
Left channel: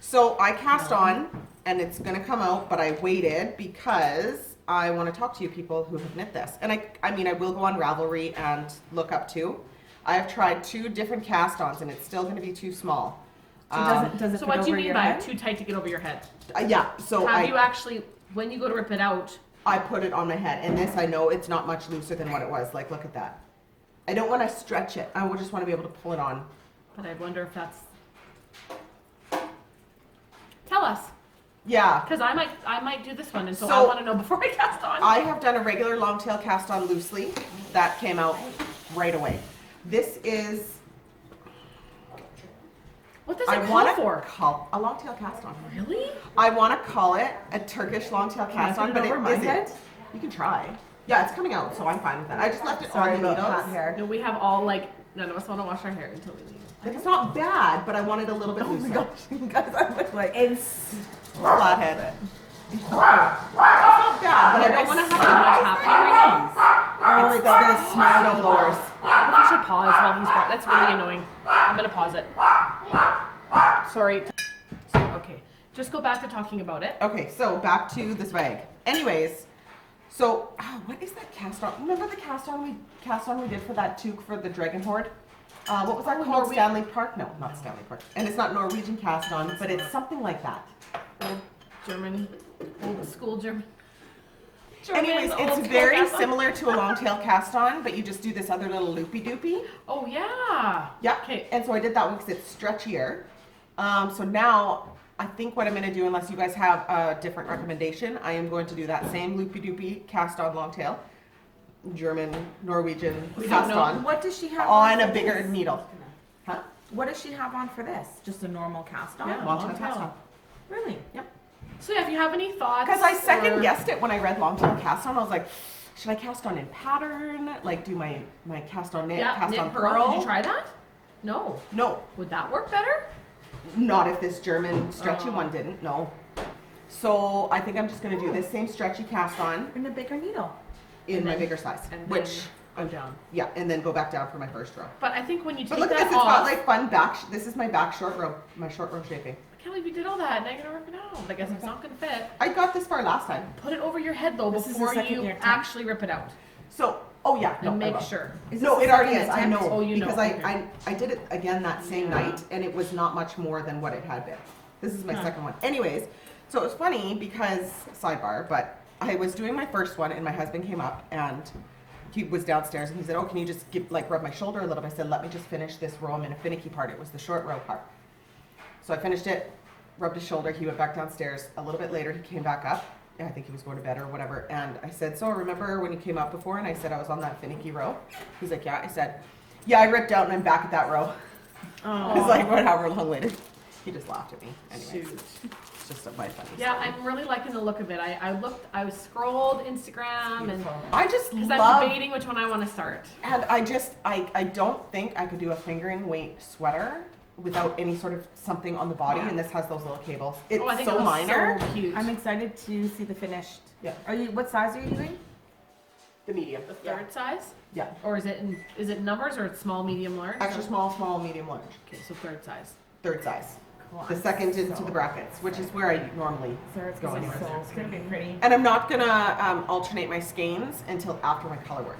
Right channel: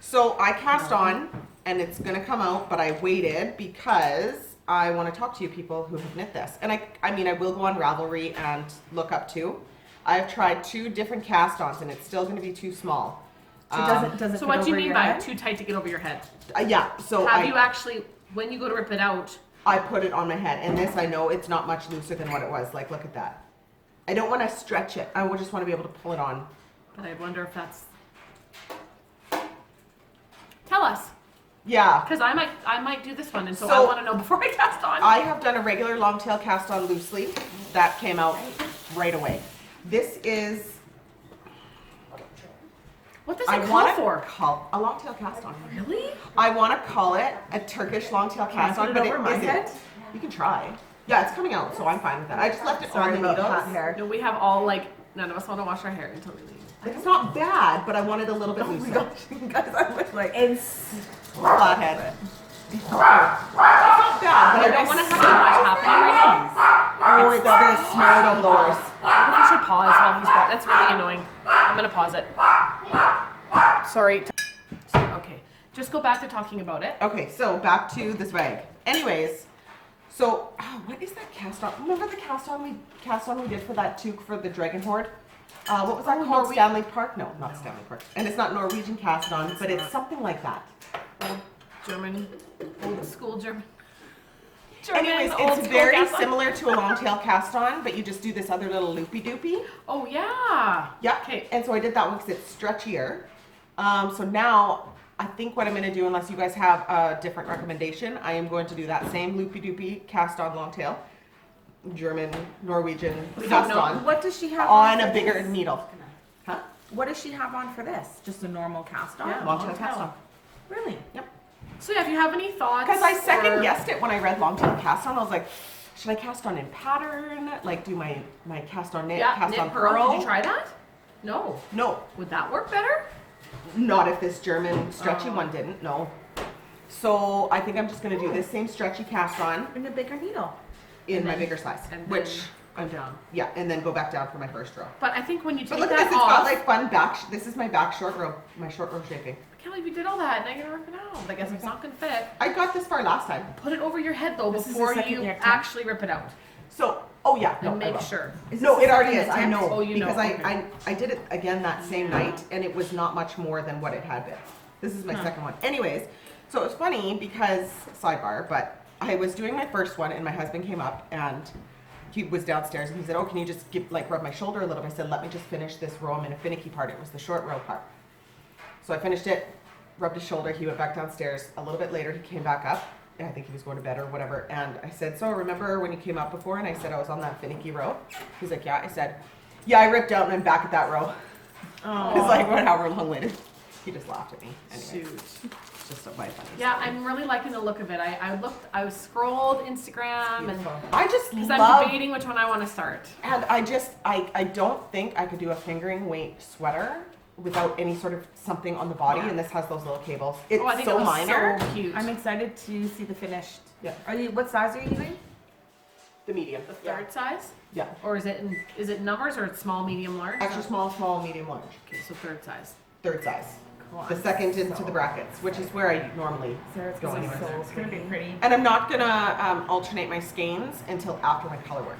So I cast on, and it's gonna come out, but I waited because I want to talk to you people who have knit this. And I mean, I will go on Ravelry and look up too. I've tried 2 different cast-ons, and it's still gonna be too small. So does it So fit what do you over mean your by head? too tight to get over your head? Yeah. So Have you actually, when you go to rip it out? I put it on my head, and this I know it's not much looser than what it was. Like, look at that. I don't want to stretch it. I just want to be able to pull it on. But I wonder if that's. Tell us, Yeah. because I might do this one, and so I So- want to know before I cast on. I have done a regular long tail cast on loosely. That came out right away. This is. What does I it call want to for? call a long tail cast on. Really? I want to call it a Turkish long tail Can I cast put on, it but over it my isn't. head? You can try. Yeah, it's coming out, so I'm fine with that. I just left it Sorry on the about needles. hot hair. No, we have all like none of us want to wash our hair until we leave. Like, it's not bad, but I wanted a little bit Oh my looser. gosh, guys, I look like it's Flathead. It's not bad, but I don't want to have too much happening right now. Oh, it's the snow blowers. I think we should pause while he's back. That's really annoying. I'm gonna pause it. Sorry. Okay, just go back to talking about it. Okay, so back to the swag. Anyways, so what is that cast on? Remember the cast on we did for that toque for the Dragon Horde? What was that called? Stanley Park? No, not Stanley Park. And it's not Norwegian cast on, but it's something like that. Old German, old school German. Anyways, old it's school very cast on. similar to a long tail cast on, but you just do this other little loopy doopy. Oh yeah. Yeah. Okay. And so I did that one because it's stretchier. So now I think what I'm going to do, unless you guys have a different recommendation, I am going to do that same loopy doopy cast on long tail, German, Norwegian We don't cast know. on what does she have on for a bigger this? needle. Huh? What does she have on for this? Just a normal cast on? Yeah. Long tail long cast tail. on. Really? So yeah, if you have any thoughts, Because I second or- guessed it when I read long tail cast on. I was like, should I cast on in pattern? Like do my cast on knit, Yeah, cast knit on pearl. pearl? Did you try that? No. No, Would that work better? not if this German stretchy Oh. one didn't. No. So I think I'm just going to do this same stretchy cast on In a bigger needle. in And my then- bigger size, And which then go down. yeah, and then go back down for my first row. But I think when you But take look at this, that it's got off, like fun back. This is my back short row, my short row shaping. I can't believe you did all that. Now you're gonna rip it out. I guess it's not gonna fit. I got this far last time. Put it over your head though This is the before second you year attempt? actually rip it out. So, oh yeah, no, And I make will. sure. Is No, this it already the is. I second know attempt? Oh, you know, because okay. I did it again that same night, and it was not much more than what it had been. This is my second one. Anyways, so it was funny because sidebar, but I was doing my first one, and my husband came up and he was downstairs, and he said, "Oh, can you just rub my shoulder a little bit?" I said, "Let me just finish this row. I'm in a finicky part. It was the short row part." So I finished it, rubbed his shoulder. He went back downstairs. A little bit later, he came back up. And I think he was going to bed or whatever. And I said, "So remember when you came up before?" And I said, "I was on that finicky row." He's like, "Yeah." I said, "Yeah, I ripped out and I'm back at that row." It's like, however long later. He just laughed at me. Anyway, Shoot. it's just my funny Yeah, story. I'm really liking the look of it. I scrolled Instagram and I just because I'm love, debating which one I want to start. and I don't think I could do a fingering weight sweater without any sort of something on the body, Yeah. and this has those little cables. It's Oh, I think so it was minor. so cute. I'm excited to see the finished. Yeah. What size are you using? The medium. The third size, Yeah. or is it numbers or it's small, medium, large? Extra small, medium, large. Okay, so third size. Third size. Cool. The second into the brackets, which is where I normally Sarah's go gonna be anyways. so It's gonna be pretty. And I'm not gonna alternate my skeins until after my color work.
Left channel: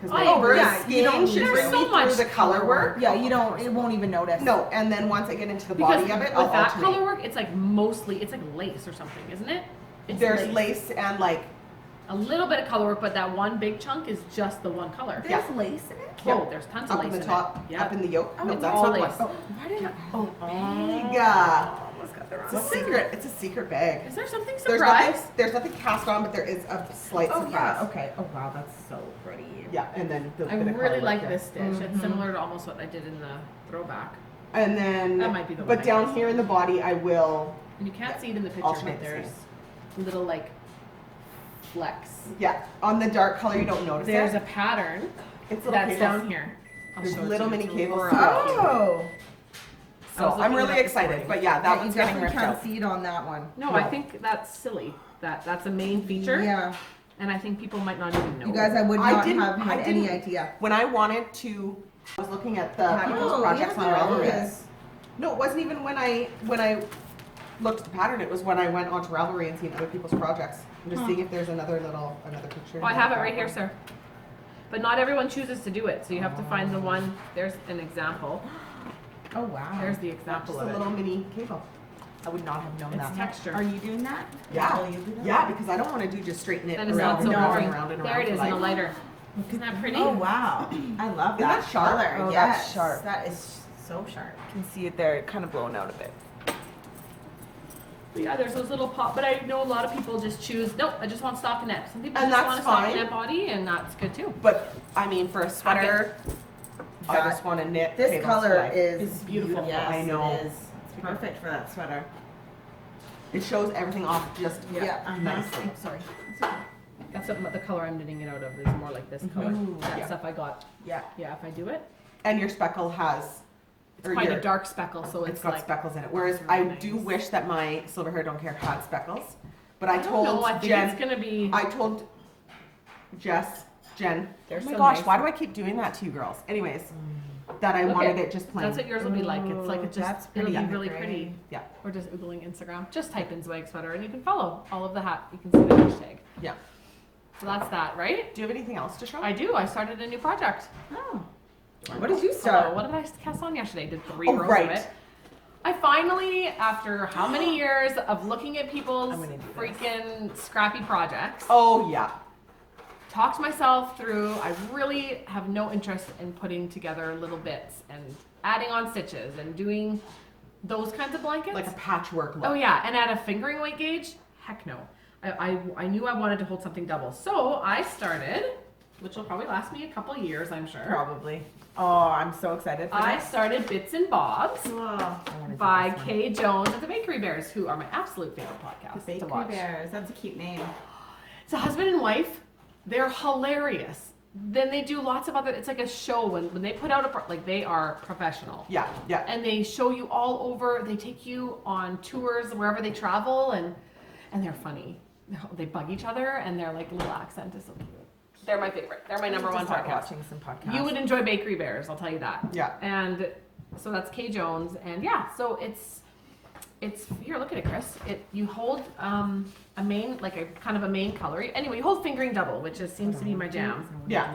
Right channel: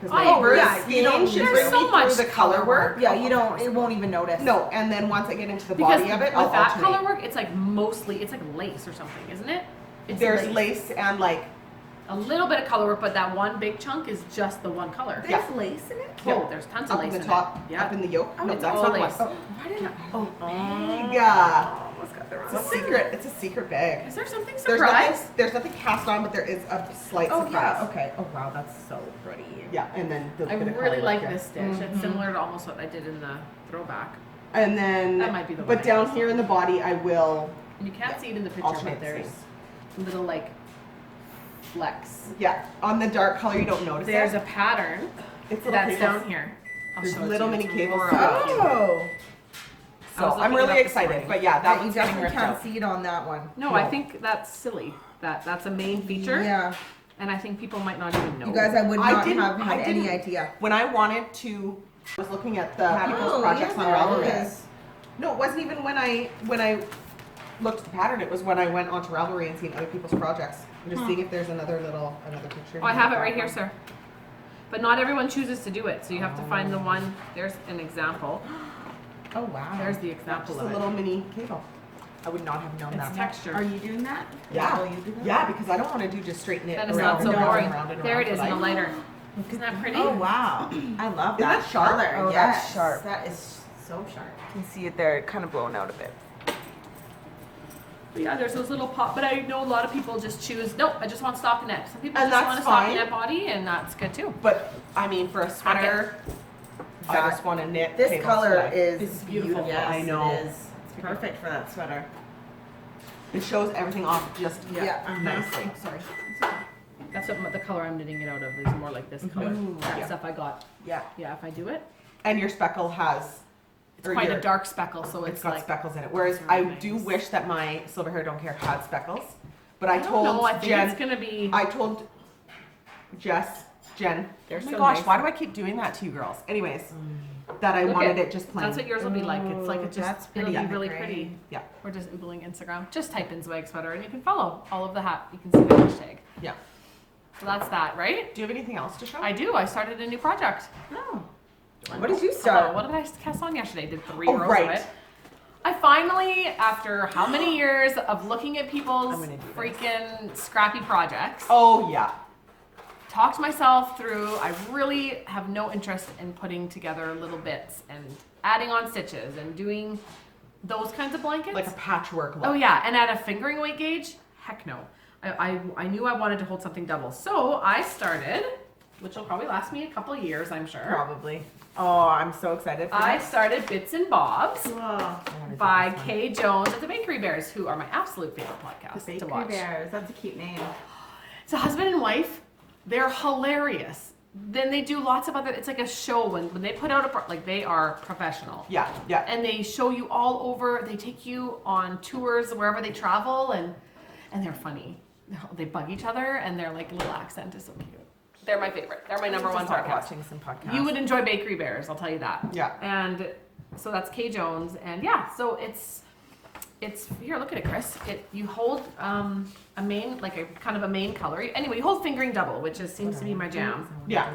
Because my Oh, first yeah, you don't skein need should to. bring me So much through the color work. Yeah, you don't. It won't even notice. No, and then once I get into the Because body of it, with I'll that alternate. color work, it's like mostly, it's like lace or something, isn't it? It's There's lace and like, a little bit of color work, but that one big chunk is just the one color. There's lace in it. Oh, there's tons of up lace in the top, it. Yeah. up in the yoke. Oh, No, it's that's all not lace. one. Why didn't I? Oh, Yeah. almost got the It's wrong. a secret. It's a secret bag. Is there something There's surprise? nothing. There's nothing cast on, but there is a slight Oh surprise. yeah. Okay. Oh wow, that's so pretty. Yeah, and then the I bit of color really work like here. this stitch. It's similar to almost what I did in the throwback. And then, That might be the but one I down missed. here in the body, I will. You can't Yeah. see it in the picture, Alternate but there's seams. little like flecks. Yeah, on the dark color, you don't notice There's it. a pattern It's little that's cables. down here. I'll There's show it to little you. mini It's cables really throughout. cute. Oh. I So was I'm looking it really up this excited. morning. But yeah, that That you one's getting definitely worked can't out. see it on that one. No, No. I think that's silly. That's a main feature, Yeah. and I think people might not even know. You guys, I would I not didn't- have had I any didn't- idea. When I wanted to, I was looking at the Pattern. people's Oh, projects yeah, on there Ravelry. it is. No, it wasn't even when I looked at the pattern. It was when I went onto Ravelry and seen other people's projects. I'm just seeing if there's another picture. Oh, I have it right here, sir. But not everyone chooses to do it, so you have to find the one. There's an example. Oh wow. There's the Just example a of little it. mini cable. I would not have known It's that. texture. Are you doing that? Yeah. Will you do that? Yeah, because I don't want to do just straighten it Then it's around not so and around boring. and around and There around it is for in a life. lighter. Isn't that pretty? Oh wow. I love Isn't that that sharp? color. Oh, Yes. that's sharp. That is so sharp. You can see it there, kind of blown out a bit. Yeah, there's those little pop, but I know a lot of people just choose, nope, I just want stockinette. Some people And just that's want a fine. stockinette body, and that's good too. But I mean, for a sweater, I That- just want to knit. This cables color for life. is It's beautiful. Yes, I know. It is. It's perfect for that sweater. It shows everything off just Yeah. nicely. Oh, sorry. That's what the color I'm knitting it out of is more like this color. Ooh, That yeah. stuff I got. Yeah. Yeah, if I do it, And your speckle has. it's or quite your- a dark speckle, so It's it's got like. speckles in it. Whereas I do wish that my Silver Hair Don't Care had speckles. But I I don't told know. I think Jen. it's gonna be. I told Jen. Oh There's my some gosh, nice- why do I keep doing that to you girls? Anyways, that I Look wanted at- it just plain. That's what yours will be like. It's like Ooh, it just. that's It'll pretty be really great. pretty. Yeah. Or just Googling Instagram. Just type in Zwag sweater, and you can follow all of the hat. You can see the hashtag. Yeah. So that's that, right? Do you have anything else to show? I do. I started a new project. Oh. What did you Hello, start? what did I cast on yesterday? Did 3 Oh, rows right. of it. I finally, after how many years of looking at people's I'm gonna do this. freaking scrappy projects, Oh yeah. talked myself through. I really have no interest in putting together little bits and adding on stitches and doing those kinds of blankets. Like a patchwork look. Oh yeah, and at a fingering weight gauge, heck no. I knew I wanted to hold something double, so I started, which will probably last me a couple of years, I'm sure. Probably. Oh, I'm so excited for I this. started Bits and Bobs Oh, I wanna do by this one. Kay Jones and the Bakery Bears, who are my absolute favorite podcast the to Bakery watch. Bears. That's a cute name. It's a husband and wife. They're hilarious. Then they do lots of other. It's like a show when they put out like they are professional. Yeah, yeah. And they show you all over. They take you on tours wherever they travel, and they're funny. They bug each other, and their like little accent is so cute. They're my favorite. They're my number one Start podcast. watching some podcasts. You would enjoy Bakery Bears, I'll tell you that. Yeah. And so that's Kay Jones, and yeah, so it's here. Look at it, Chris. You hold a main, like a kind of a main color. Anyway, you hold fingering double, which seems to be my jam. Yeah.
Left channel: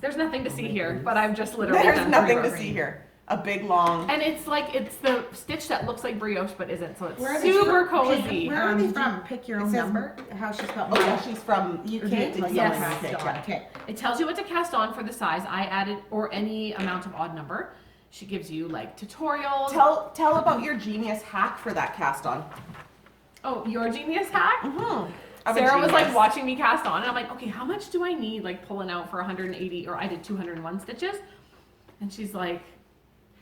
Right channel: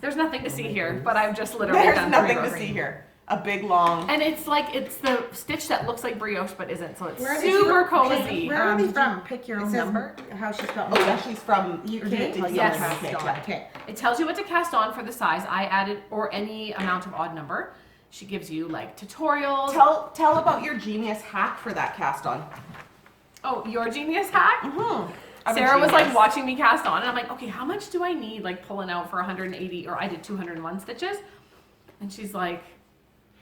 There's nothing to see here, but I've just literally There's done nothing 3 to rows. see here. A big long. And it's like it's the stitch that looks like brioche but isn't, so it's Where are they super from? cozy. Where are they from? Pick your it own says- number. How she spelled Oh yeah, she's from UK? Yes. Yes. Okay. It tells you what to cast on for the size. I added or any amount of odd number. She gives you like tutorials. Tell about your genius hack for that cast on. Oh, your genius hack? Mm-hmm. I'm a Sarah was like genius. watching me cast on, and I'm like, okay, how much do I need? Like pulling out for 180, or I did 201 stitches, and she's like,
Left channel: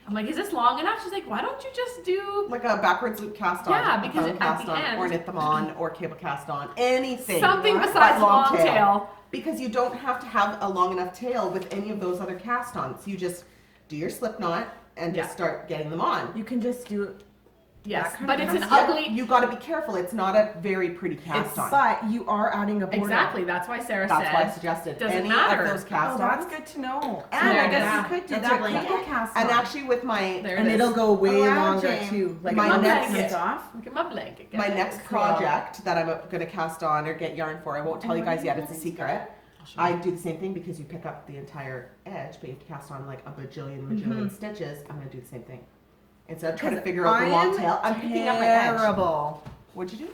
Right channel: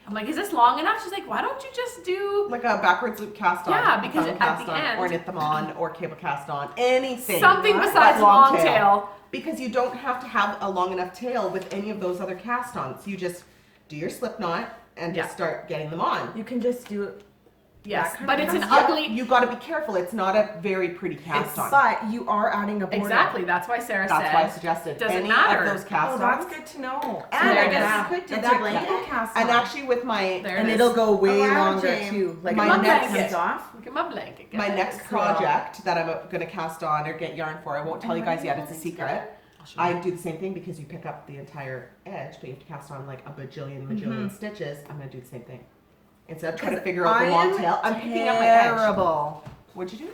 I'm like, is this long enough? She's like, why don't you just do Like a backwards loop cast on. Yeah, a because thumb at cast the on, end- or knit them on, or cable cast on, anything. something but besides long tail? Because you don't have to have a long enough tail with any of those other cast ons. You just do your slip knot and Yeah. just start getting them on. You can just do it Yes, That kind but of it's an cast- ugly. You got to be careful. It's not a very pretty cast on. But you are adding a border. Exactly. That's why Sarah That's why I said. suggested Doesn't any matter. of those cast Oh, that's ons. good to know. So And I yeah. guess you could do That's that a blanket. blanket cast And on. actually, with my There And it it'll is. go way Oh, wow, longer Jane. too. Like My when that next- comes off. Look at my blanket. my guys. next Cool. project that I'm going to cast on or get yarn for, I won't tell you guys yet. It's a secret. I'll show I you. do the same thing because you pick up the entire edge, but you have to cast on like a bajillion stitches. I'm going to do the same thing. Instead of trying to figure out the long tail, I'm picking up my edge. terrible. What'd you do?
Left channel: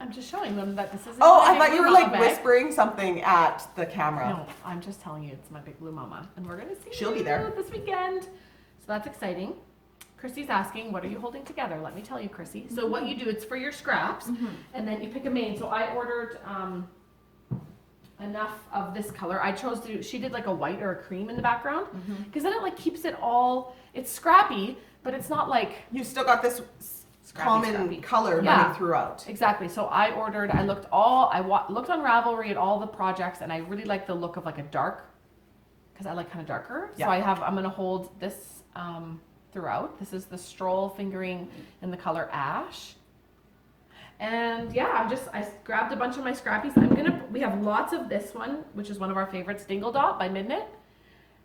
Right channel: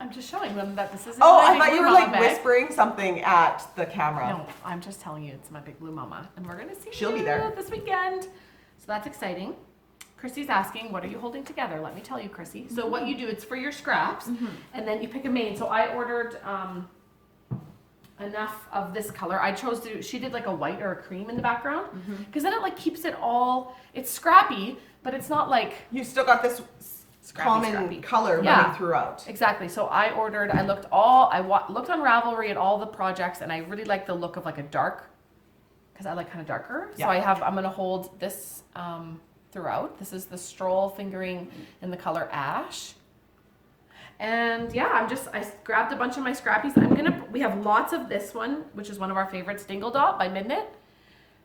I'm just showing them that this is. Oh, I thought you were like whispering something at the camera. No, I'm just telling you it's my big blue mama, and we're gonna see. She'll be there. it this weekend, so that's exciting. Chrissy's asking, "What are you holding together?" Let me tell you, Chrissy. So what you do, it's for your scraps, and then you pick a main. So I ordered enough of this color. I chose to. She did like a white or a cream in the background, because then it like keeps it all. It's scrappy, but it's not like You still got this common scrappy. color Yeah. running throughout. Exactly. So I looked looked on Ravelry at all the projects, and I really like the look of like a dark, because I like kind of darker. Yeah. So I'm gonna hold this throughout. This is the stroll fingering in the color ash. And yeah, I grabbed a bunch of my scrappies. We have lots of this one, which is one of our favorites, Dingle Dot by Midnit.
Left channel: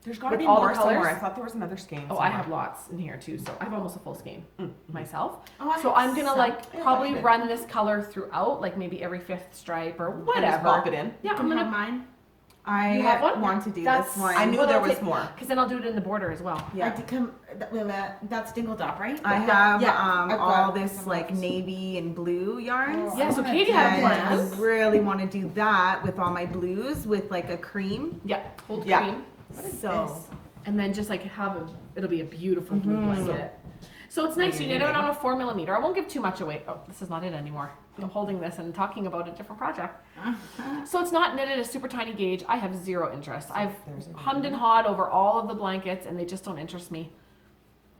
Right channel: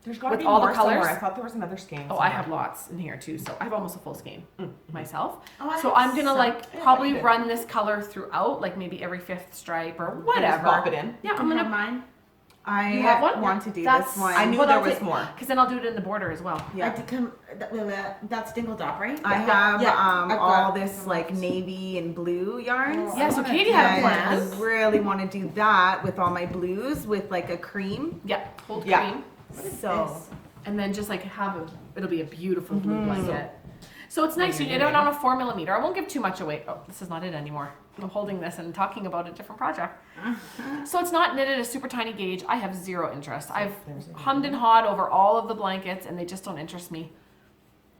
There's got to With be all the more somewhere. colors? I thought there was another skein. Oh, I somewhere. have lots in here too. So I have almost a full skein myself. Oh, I So have I'm gonna some. like Yeah, probably you did. run this color throughout, like maybe every fifth stripe or Just whatever. pop it in. Yeah, You I'm can have gonna, mine. I You have one? want to do That's- this one. I knew Well, there that's was it. more. because then I'll do it in the border as well. I Yeah. did come. That's Dingle Dot, right? I have Yeah, I've all got- this like navy and blue yarns. Oh, Yeah, so I wanna Katie do had And that. I plans. really want to do that with all my blues with like a cream. Yeah, hold Yeah. cream, So and then just like it'll be a beautiful blue blanket. So it's nice. You knit it on a 4mm. I won't give too much away. Oh, this is not it anymore. I'm holding this and talking about a different project. So it's not knitted a super tiny gauge. I have zero interest. I've hummed and hawed over all of the blankets, and they just don't interest me.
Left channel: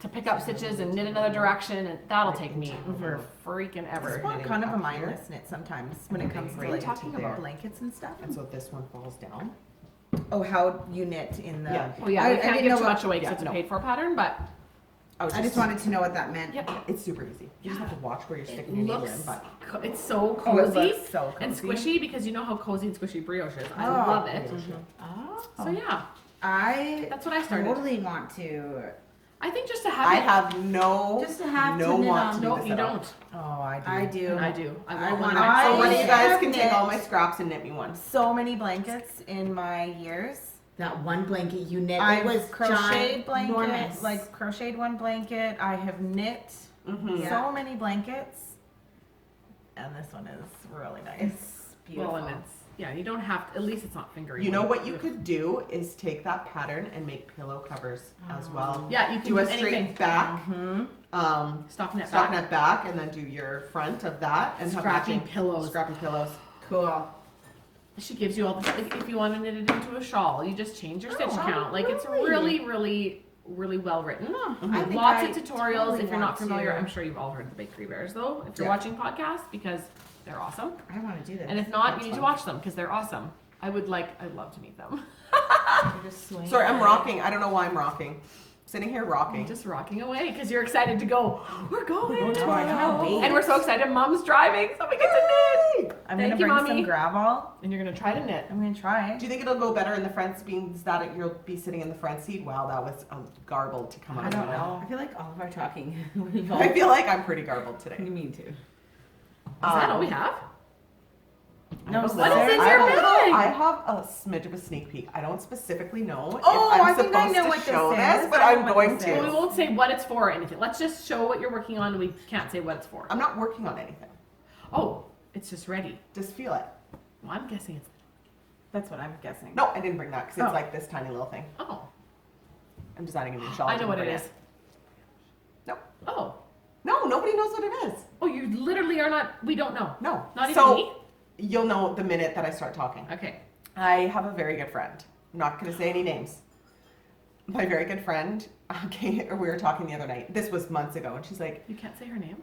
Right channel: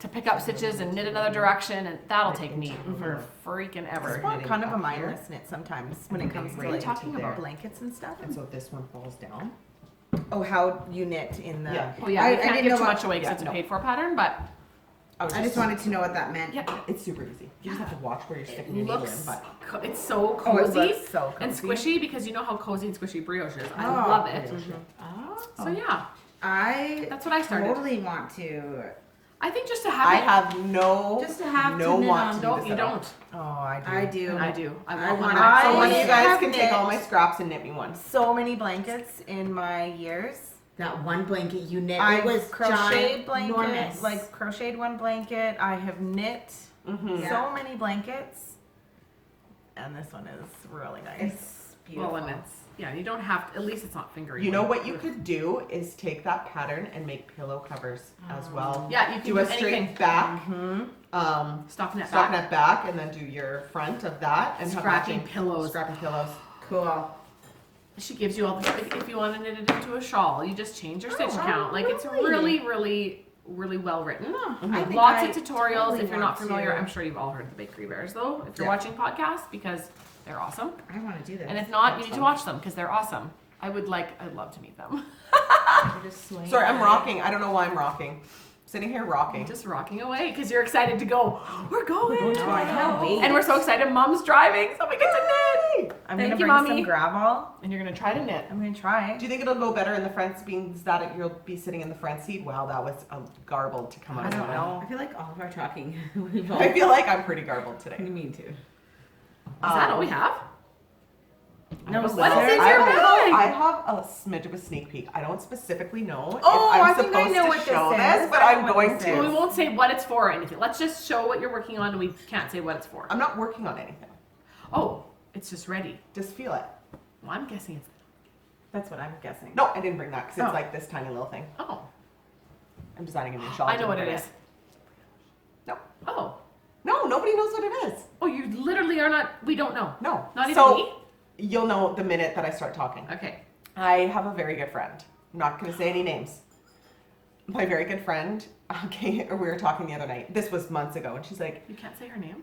To pick up stitches and knit another direction, and that'll take me for freaking it's ever. kind of a mindless knit sometimes when it comes to What are you like talking about? blankets and stuff. And so this one falls down. Oh, how you knit in the. Yeah. Oh yeah, I we can't didn't give know too what- much away because yeah, it's a no. paid for pattern, but I just wanted to know what that meant. yeah, It's super easy. You just have to watch where you're it sticking your needle in. looks. But It's so Oh, it cozy looks so and cozy. squishy because you know how cozy and squishy brioche is. I Oh. love it. Oh. So yeah, I that's what I started. totally want to. I think just to have I it. have no, Just to have no to knit want on. to do No, this you at all. don't. Oh, I do. I do. I do. I I want one. wanna- I So one of you guys have can take knit. all my scraps and knit me one. So many blankets in my years. That one blanket you knit. I've It was crocheted blanket, ginormous. like crocheted one blanket. I have knit Yeah. so many blankets, and this one is really nice. It's beautiful. Well, and you don't have to, at least it's not fingery. You know what you could do is take that pattern and make pillow covers as well. Yeah, you can Do a anything. straight back, Mm-hmm. Stockinette stock back. net back, and then do your front of that and have Scrappy matching pillows. Scrappy pillows. Cool. She gives you all the, if you want to knit it into a shawl, you just change your stitch Oh, count. Like it's really? really well written. I think Lots I of tutorials. totally If you're not want familiar, to. I'm sure you've all heard of the Big Three Bears though. If you're Yeah. watching podcasts, because they're awesome. I want to do this. And if not, That's you need to fun. watch them because they're awesome. I'd love to meet them. You're just swinging. Sorry, I'm rocking. I don't know why I'm rocking. Sitting here rocking. Just rocking away because you're excited to go. We're going. Oh, I cannot wait. And we're so excited. Mom's driving, so we get to knit. I'm Thank gonna you, bring Mommy. some gravel. And you're gonna try to knit. I'm gonna try. Do you think it'll go better in the front means that you'll be sitting in the front seat? Wow, that was garbled to come out. I don't of my mouth. know. I feel like all of our talking. we've all- I feel like I'm pretty garbled today. You mean too? Is that all we have? No, What What Sarah- is in your bag? I have a smidge of a sneak peek. I don't specifically know Oh, if I'm I think I supposed know to what this show is. this, but I know I'm what going this to. Well, we won't say what it's for or anything. Let's just show what you're working on. We can't say what it's for. I'm not working on anything. Oh, it's just ready. Just feel it. Well, I'm guessing it's. That's what I'm guessing. No, I didn't bring that because it's Oh. like this tiny little thing. Oh, I'm designing a new shawl. I know what it Didn't is. bring it. No. Oh, No, nobody knows what it is. oh, you literally are not. We don't know. No. Not even so, me. You'll know the minute that I start talking. Okay. I have a very good friend. I'm not going to say any names. My very good friend, we were talking the other night. This was months ago, and she's like, You can't say her name.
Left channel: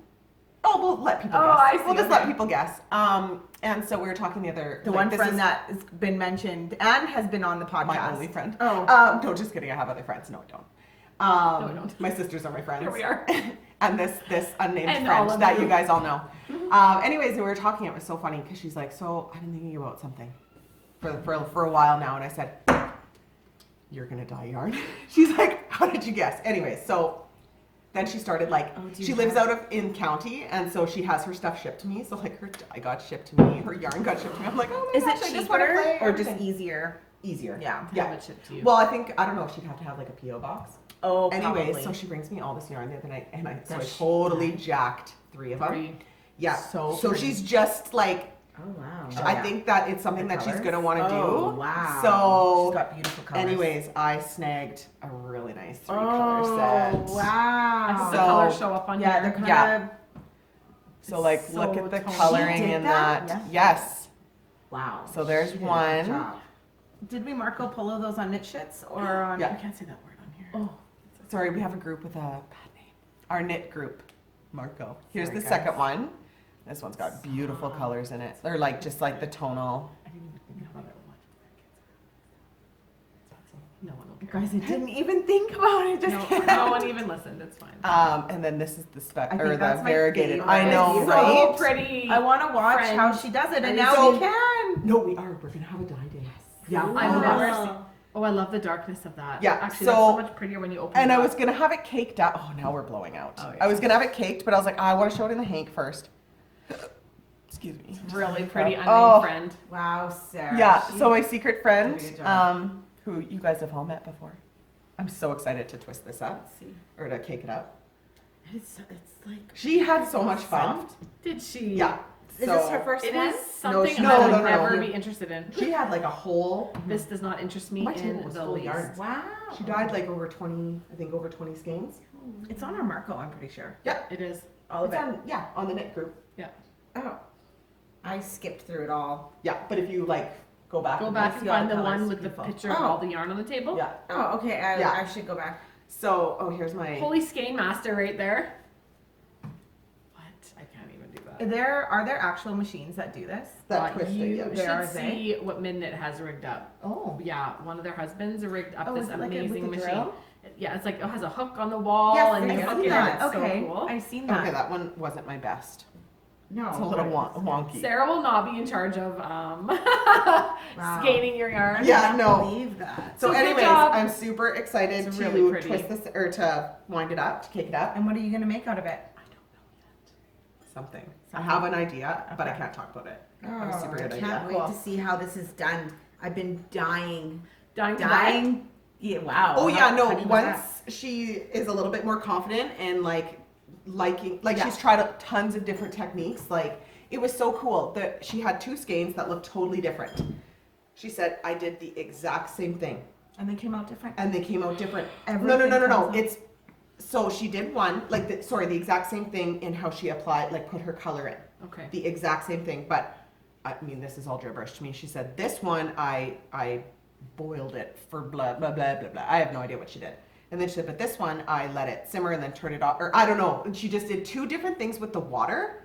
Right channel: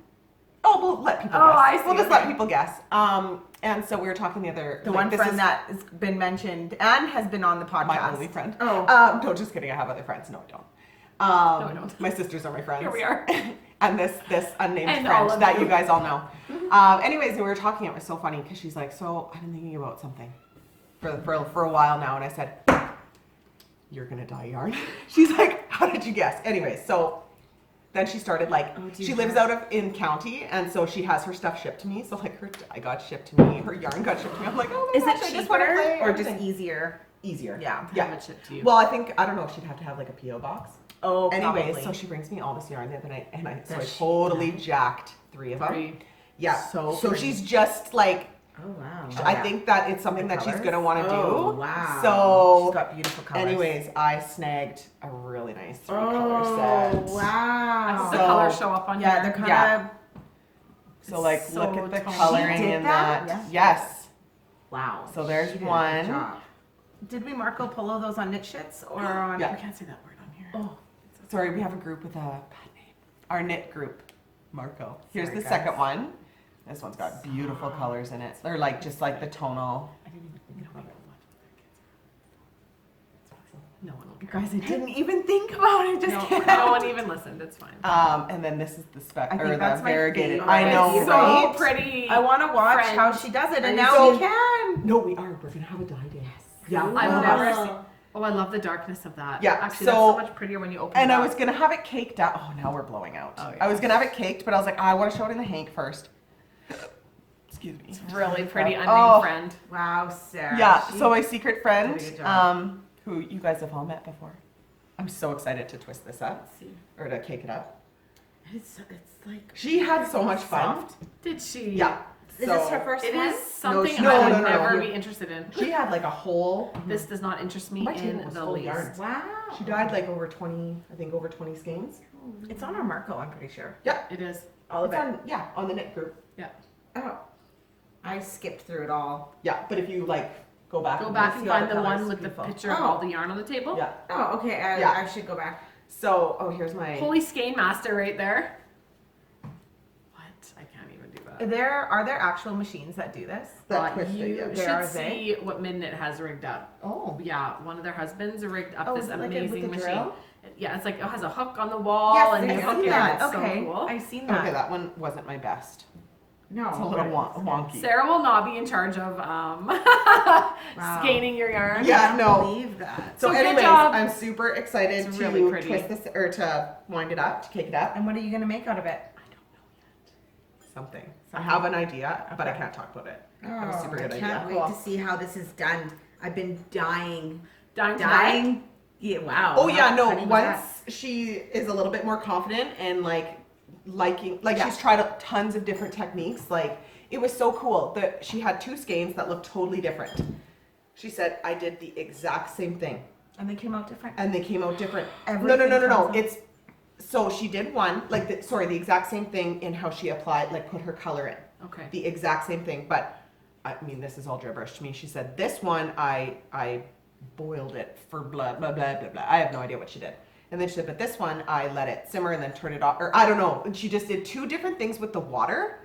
"Oh, we'll let people Oh, guess. I see, We'll just let okay. people guess." And so we were talking the other. The like, one this friend is that has been mentioned and has been on the podcast. my only friend. Oh. No, just kidding. I have other friends. No, I don't. No, we don't. My sisters are my friends. Here we are. and this unnamed And all friend of that you. you guys all know. Anyways, we were talking. It was so funny because she's like, "So I've been thinking about something for a while now," and I said, "You're gonna dye yarn." She's like, "How did you guess?" Anyway, so then she started like, Oh, do you she lives have- out of in county, and so she has her stuff shipped to me. So like her dye got shipped to me, her yarn got shipped to me. I'm like, "Oh my Is gosh, it I just wanna play cheaper or just everything." easier? Easier? Yeah. Yeah. Have it shipped to you. Well, I think I don't know if she'd have to have like a PO box. Oh, Anyways, probably. so she brings me all this yarn the other night, and I Does she totally dye? jacked 3 of them. Pretty. Yeah. So So pretty. she's just like, Oh wow. Oh, I yeah. think that it's something The that she's colors? gonna want to Oh, do. wow. So, She's got beautiful colors. anyways, I snagged a really nice 3 Oh color set. I hope wow. the So- colors show up on Yeah, here. they're kind Yeah. of So like, So look at the toned. coloring She did in that? that. Yeah. Yes. wow. So there's She did a good one. job. Did we Marco Polo those on Knit Shits or on? Yeah. I can't say that word on here. Oh, Sorry, we have a group with a bad name. Our knit group, Marco. Here's Sorry, the guys. second one. This one's got beautiful colors in it. They're like just like the tonal. I didn't even think about it. No one will you care. guys, I didn't even think about it. Just No, no one even listened. It's fine. And then this is the spec I or think the that's my variegated. favorite. I know, It's so right? pretty. I want to watch Friend. how she does it, and Are now you we so- can. No, we are. We're gonna have a dye day. Yeah. I've never seen. Oh, I love the darkness of that. Yeah, Actually, so- that's so much prettier when you open And it I up. was gonna have it caked up. Oh, now we're blowing out. Oh, yeah. I was gonna have it caked, but I was like, I want to show it in the hank first. Excuse me. really pretty unnamed Oh. friend. wow, Sarah. Yeah. She- So my secret friend, did a good job. who you guys have all met before. I'm so excited to twist this up Let's see. or to cake it up. it's like. She had so much fun. Did she? Yeah. Is So this her first It one? is something no, I would no, no, never no. be interested in. She had like a whole. This does not interest me My table in was the full of least. yarn. Wow. She died like over 20, I think over 20 skeins. It's on our Marco, I'm pretty sure. It is. All of It's it. on, yeah, on the knit group. Oh, I skipped through it all. Yeah, but if you like go back, Go and back look- and see all find the the colors. one with the Beautiful. picture of Oh. all the yarn on the table. Yeah. Oh, okay. Yeah. I should go back. So, oh, here's my. Holy skein master right there. What? I can't even do that. Are there actual machines that do this? that twisted, you yeah. There are should see what Midnight has rigged up. Oh. Yeah, one of their husbands rigged up Oh, this is it like a, with amazing a machine. drill? Yeah, it's like it has a hook on the wall Yes, and I've you seen hook it. that. It's Okay, so cool. I've seen Okay, that. that one wasn't my best. No. It's a little but- wonky. Sarah will not be in charge of Wow. scanning your yarn. Yeah, I can't no. believe that. So, So good anyways, job. I'm super excited It's to really pretty. twist this or to wind it up, to cake it up. And what are you gonna make out of it? Something. I have an idea, but I Okay. can't talk about it. Oh, I have a super I good can't idea. wait to see how this is done. I've been dying. Dying to dye. Dying. Yeah, wow. Oh yeah, How no. funny was Once that? she is a little bit more confident and liking, Yeah. she's tried tons of different techniques. Like it was so cool that she had 2 skeins that looked totally different. She said, "I did the exact same thing, And they came out different. and they came out different." Everything No. comes out- It's so she did one the exact same thing in how she applied, like put her color in. Okay. The exact same thing, but I mean, this is all gibberish to me. She said, "This one, I boiled it for blah, blah, blah, blah, blah." I have no idea what she did. And then she said, "But this one, I let it simmer and then turn it off." Or I don't know. And she just did 2 different things with the water,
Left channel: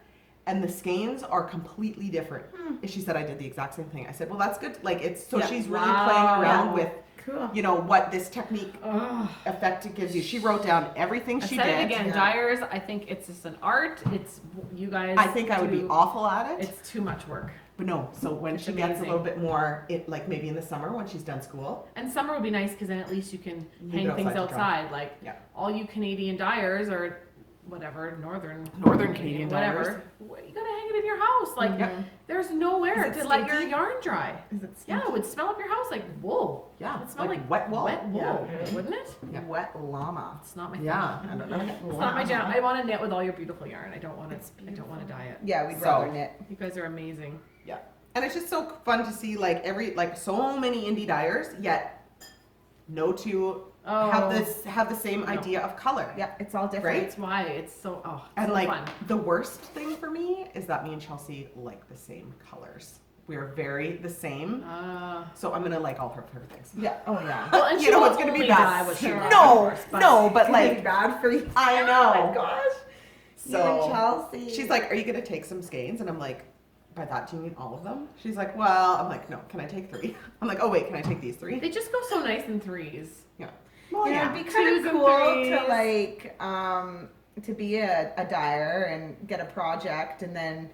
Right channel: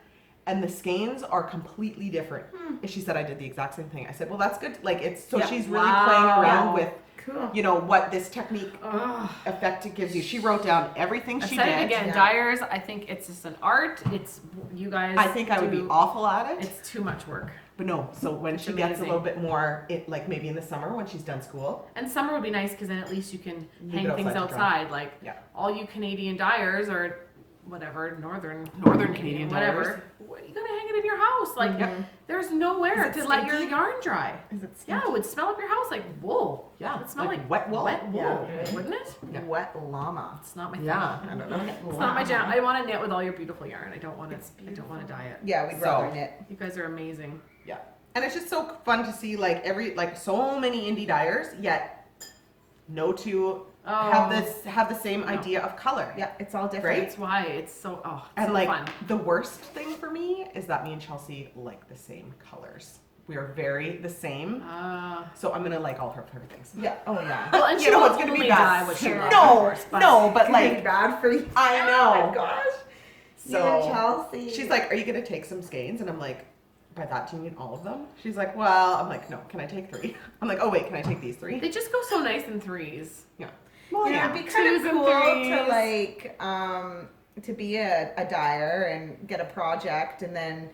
and the skeins are completely different. And she said, "I did the exact same thing." I said, "Well, that's good." Like, it's so Yeah. she's really Wow. playing around Yeah. with, Cool. you know, what this technique Ugh. effect it gives you. She wrote down everything I she said it did. again, yeah. dyers, I think it's just an art. It's you guys. I think I would be do- awful at it. It's too much work. But no, so when It's she gets a amazing. little bit more, like maybe in the summer when she's done school. And summer would be nice because then at least you can Leave hang it things outside to dry. outside. Like Yeah. all you Canadian dyers or whatever northern Canadian whatever. dyers. You gotta hang it in your house. Like Yep. there's nowhere Is it to let your stinky? yarn dry. Is it Yeah, it would smell up your house like wool. Yeah, It would smell like wet wool. Wet wool, Yeah. wouldn't it? Yeah. wet llama? It's not my Yeah, thing. I don't know. It's not my jam. I want to knit with all your beautiful yarn. I don't want to. I don't want to dye it. Yeah, we'd So- rather knit. You guys are amazing. And it's just so fun to see like so many indie dyers, yet no two Oh, have the same No. idea of color. Yeah, it's all different. Right? that's why it's so. Oh, it's And so like fun. the worst thing for me is that me and Chelsea like the same colors. We are very the same. So I'm gonna like all her things. Yeah. Oh yeah. Well, and You she know, will it's gonna be only bad. dye what she No, loves, No, of course, but- no, but It's gonna be like bad for you. I Oh know. my gosh. You So and Chelsea. she's like, "Are you gonna take some skeins?" And I'm like, "By that do you mean all of them?" She's like, "Well," I'm like, "No, can I take 3?" I'm like, "Oh wait, can I take these 3?" They just go so nice in threes. Well, you know, yeah. it'd be kind Twos of and cool to threes. like to be a dyer and get a project and then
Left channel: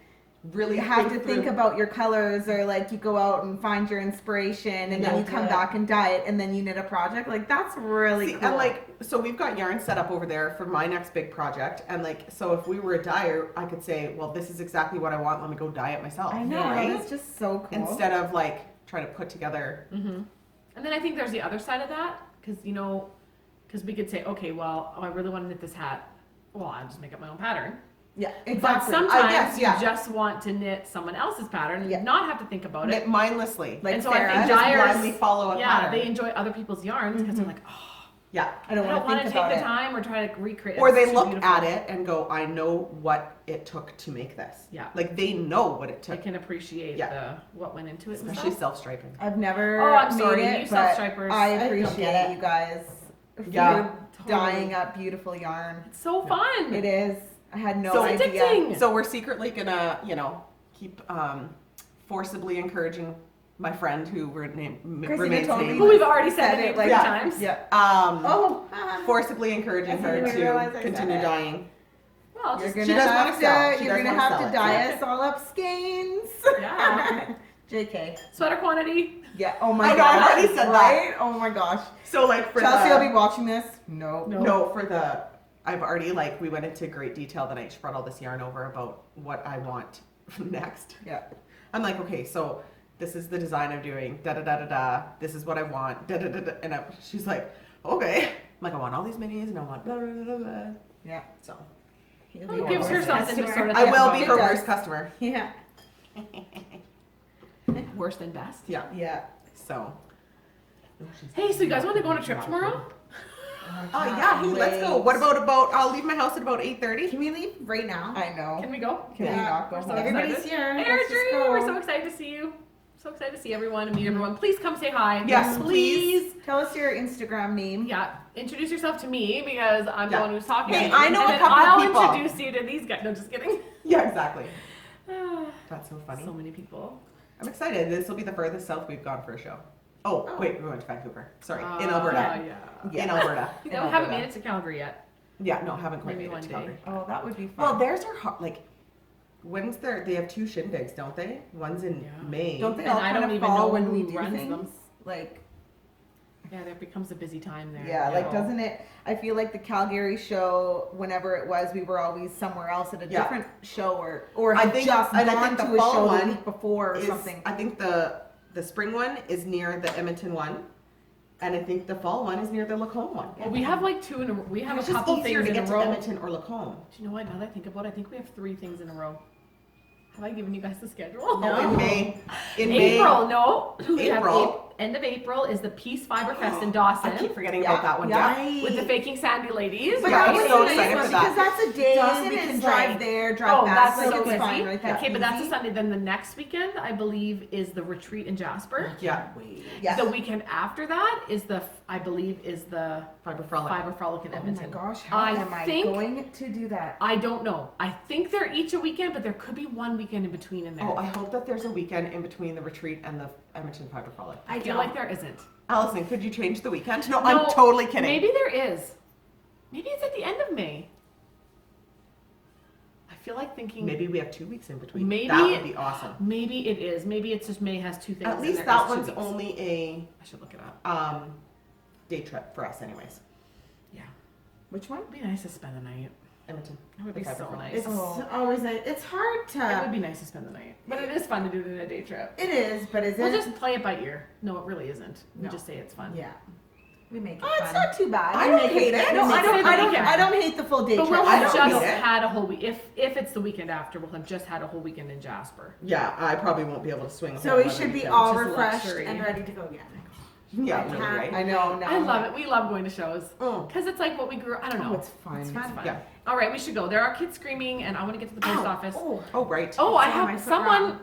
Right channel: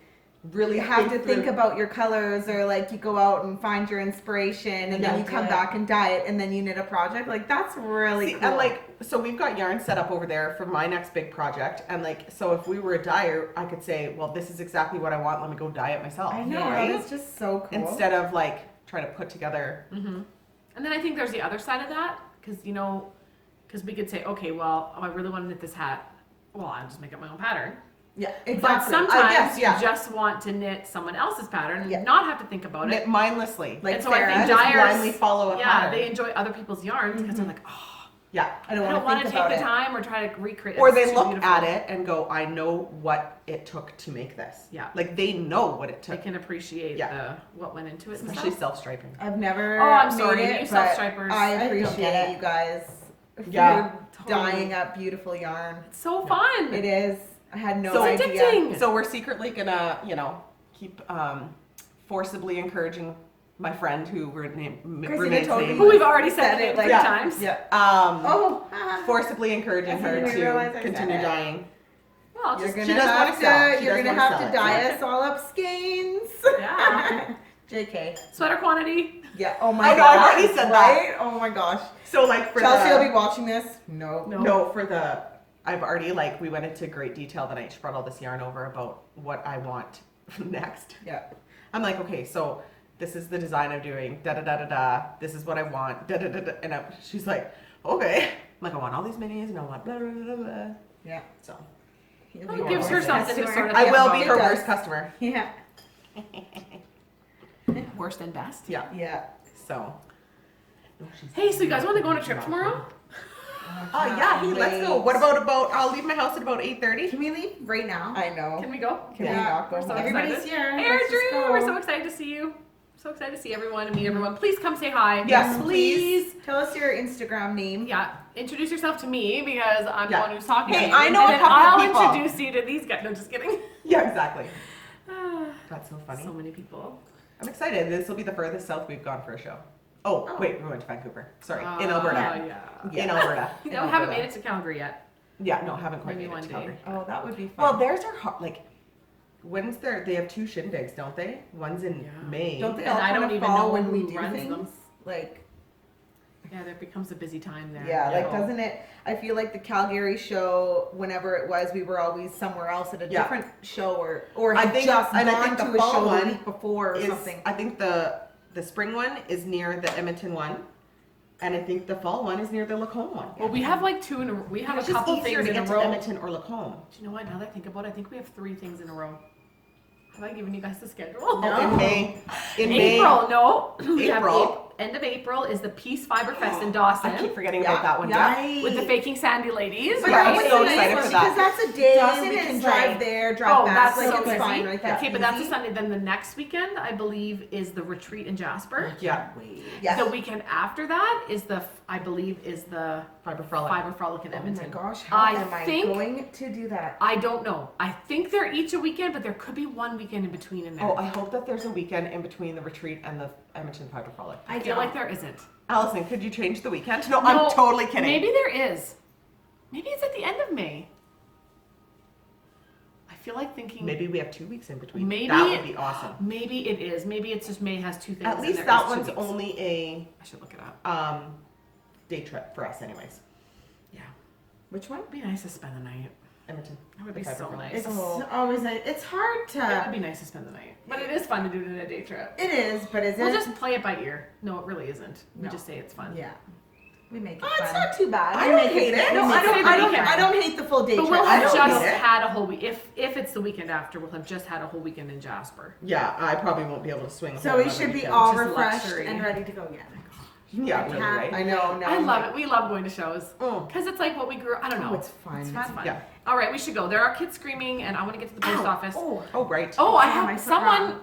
Really you have to think through- about your colors, or like you go out and find your inspiration and then you come back and dye it and then you knit a project. Like that's really cool. And like, so we've got yarn set up over there for my next big project, and like, so if we were a dyer, I could say, well, this is exactly what I want, let me go dye it myself. I know, right? that is just so cool. Instead of like trying to put together. Mm-hmm. And then I think there's the other side of that, because we could say, okay, well, I really want to knit this hat. Well, I'll just make up my own pattern. Yeah, But exactly. sometimes yes, yeah. you just want to knit someone else's pattern and Yeah. not have to think about Knit it. mindlessly. Like and so Sarah, I think just dyers blindly follow a pattern. they enjoy other people's yarns because they're like, oh, Yeah. I don't want to want think to about take the it. time or try to recreate. Or It's they too look beautiful. at it and go, I know what it took to make this. Yeah. Like they know what it They took. can appreciate what went into it. And Especially stuff. self-striping. I've never Oh, I'm made sorry, it, you but self-stripers. I I don't get appreciate it. you guys for Yeah. dyeing up beautiful yarn. It's so fun. It is. I had no So idea. addicting. So we're secretly gonna, keep forcibly encouraging my friend who Christina remains told me nameless. Who we've already said Said it it like like- 3 times. Yeah. Um, Oh. forcibly encouraging I her didn't even realize to I said continue it. dyeing. Well, You're just, gonna she does wanna have sell. to. She You're does gonna wanna have sell to it. dye us all up skeins. yeah. JK. Sweater quantity. Yeah. Oh my I know, gosh. I've already said that. Right? Oh my gosh. So like for Chelsea the, will be watching this. No. No, for the, I've already we went into great detail the night she brought all this yarn over about what I want next. Yeah. I'm like, okay, so this is the design I'm doing, da da da da da. This is what I want, da da da da. And she's like, okay. I'm like, I want all these minis, and I want blah blah blah blah. Yeah. So Who gives her something to sort of I think will about be it. her does. worst customer. Yeah. Worse than best. Yeah. Yeah. So. Hey, so you guys want to go on a trip tomorrow? Oh yeah, hey, let's go. What about? I'll leave my house at about 8:30. Can we leave right now? I know. Can we go? Can we not go We're so home? excited. Everybody's here. Hey, Let's just Drew, go. we're so excited to see you. So excited to see everyone and meet everyone. Please come say hi. Yes, please. Tell us your Instagram name. Yeah, introduce yourself to me because I'm the Yeah. one who's talking. Hey, to you. I know and a then couple of I'll people. introduce you to these guys. No, just kidding. Yeah, exactly. Ah, That's so funny. so many people. I'm excited. This will be the furthest south we've gone for a show. Oh, wait, we went to Vancouver. Sorry, in Alberta. Yeah. In Alberta. You In know, haven't Alberta. made it to Calgary yet. Yeah, no, haven't quite Maybe made it one to day. Calgary. Oh, that would be fun. Well, theirs are hot. Like, when's their? They have 2 shindigs, don't they? One's in Yeah. May. don't they And all I kind don't of even fall know when we who do runs things? them. Like, Yeah, that becomes a busy time there. yeah, like doesn't it? I feel like the Calgary show, whenever it was, we were always somewhere else at a Yeah. different show, or I had think- just and I gone think to the a fall show the one week before or Is, something. I think the spring one is near the Edmonton one, and I think the fall one is near the Lacombe one. Well, we have like 2 in a we have It's a just couple easier things to in get a to row. Edmonton or Lacombe. Do you know what? Now that I think about it, I think we have 3 things in a row. Have I given you guys the schedule? Oh, in May. In May. April, no. We have April. End of April is the Peace Fiber Fest in I Dawson keep forgetting about that one. Yeah. Yeah. with the Faking Sandy ladies. But Yeah, that I'm was so a nice excited one for that. because that's a day Dawson we is can drive like- there, drive back. that's Like so it's busy. fine, right? That's Okay, but that's a easy. Sunday. Then the next weekend, I believe, is the retreat in Jasper. Yeah. Yes. The weekend after that is I believe, is the Fiber Frolic. Fiber Frolic in Oh my Edmonton. gosh, how I am I think- going to do that? I don't know. I think they're each a weekend, but there could be one weekend in between in there. Oh, I hope that there's a weekend in between the retreat and the Edmonton Fiber Frolic. I feel like there isn't. Allison, could you change the weekend? No, No, I'm totally kidding. Maybe there is. Maybe it's at the end of May. I feel like thinking Maybe we have 2 weeks in between. Maybe- That would be awesome. maybe it is. Maybe it's just May has 2 things. At and least there that is 2 one's weeks. only a I should look it up. day trip for us, anyways. Yeah. Which one? It'd be nice to spend the night. Edmonton. That would The be Fiber so Frolic. nice. It's always it's hard It would to. be nice to spend the night. But it is fun to do it in a day trip. It is, but is We'll it? just play it by ear. No, it really isn't. We No. just say it's fun. Yeah. We make it Oh, fun. it's not too bad. I don't hate it. No, We I make don't. it I the don't. weekend. I don't hate the full day But trip. we'll I have don't just hate it. had a whole week. If it's the weekend after, we'll have just had a whole weekend in Jasper. Yeah, I probably won't be able to swing a So whole we other should be weekend. all Which is refreshed luxury. and ready to go again. Yeah, really, right? I know. No, I love it. We love going to shows. Mm. Because it's like what we grew I don't know. Oh, it's fun. It's fun. Yeah. All right, we should go. There are kids screaming, and I want to get to the post office. Oh. Oh, right. Oh, I Yeah, my have foot someone. wrong.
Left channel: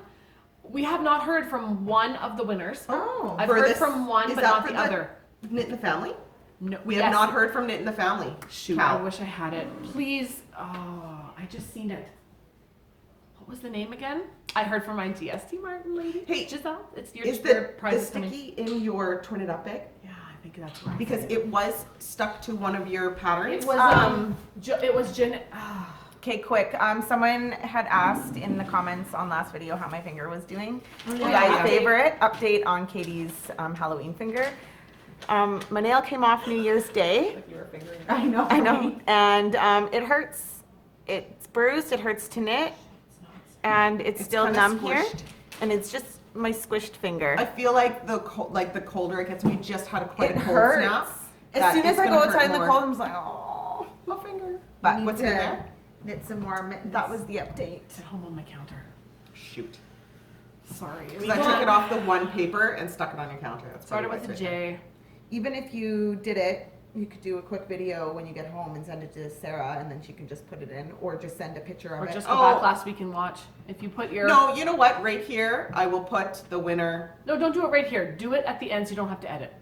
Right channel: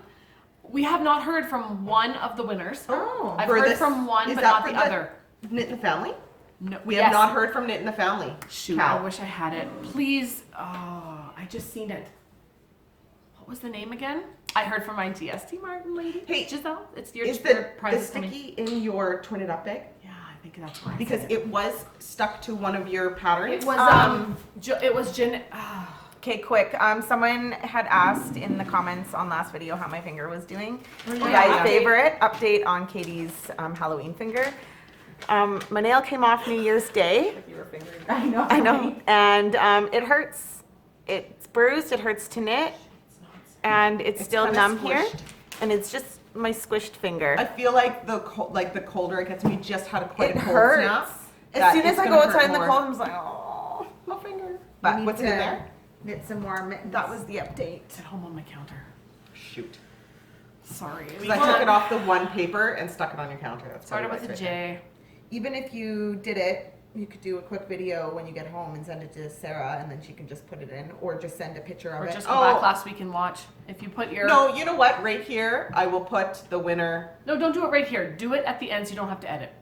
We have not heard from one of the winners. Oh. I've For heard this- from one, is but that not for the the- other. Knit in the Family? No, We yes. have not heard from Knit in the Family. Shoot, Cow. I wish I had it. Please. Oh, I just seen it. What was the name again? I heard from my GST Martin lady. Hey, Giselle. It's your Is your the prize is coming. sticky in your Twin It Up bag? Yeah, I think that's why. Because it was stuck to one of your patterns. It was it was Okay, quick. Someone had asked in the comments on last video how my finger was doing. You yeah. guys' favorite update on Katie's Halloween finger. My nail came off New Year's Day. Like your finger. I know, and it hurts. It's bruised. It hurts to knit, and it's still kinda numb here, squished. and it's just my squished finger. I feel like the colder it gets, we just had a quite It a cold hurts. snap. As that soon it's as I gonna go hurt outside in the more. cold, I'm just like, oh, My finger. You But need what's in to there? Knit some more mittens. that was the update. It's at home on my counter. Shoot. Sorry. Because I took it off the one paper and stuck it on your counter. That's Started probably with why a it's right J. Even if you did it, you could do a quick video when you get home and send it to Sarah, and then she can just put it in, or just send a picture of Or it. just go Oh. back last week and watch. If you put your there. No, you know what? Right here, I will put the winner. No, don't do it right here. Do it at the end so you don't have to edit.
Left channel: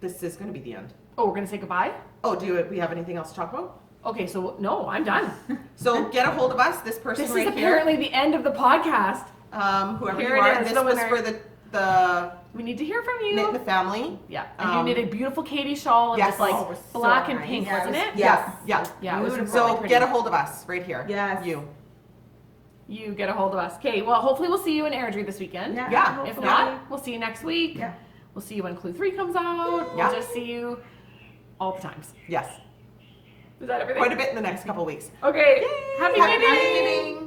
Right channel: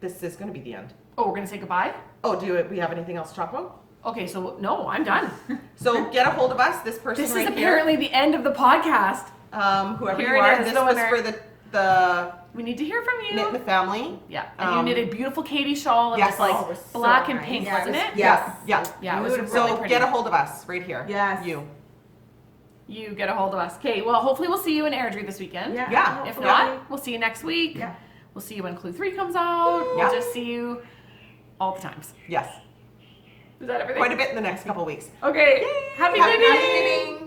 This is going to be the end. Oh, we're gonna say goodbye? Oh, we have anything else to talk about? Okay, so no, I'm done. So get a hold of us. This person This right is apparently the end of the podcast. here. Whoever Here you it are. is, This the was winner. for the We need to hear from you. Knit in the Family. Yeah, and you knit a beautiful Katie shawl. It Yes. was like Oh, it was so black and nice. pink, Yeah, it wasn't was- it? Yes. Yeah. Yeah, it was Beautiful. really So pretty. get a hold of us right here. Yes. You get a hold of us. Okay, well, hopefully we'll see you in Airdrie this weekend. Yeah. Yeah. If hopefully. not, we'll see you next week. Yeah. We'll see you when Clue 3 comes out. Yeah. We'll just see you all the times. Yes. Is that everything? Quite a bit in the next couple weeks. Okay. Happy Happy knitting! knitting!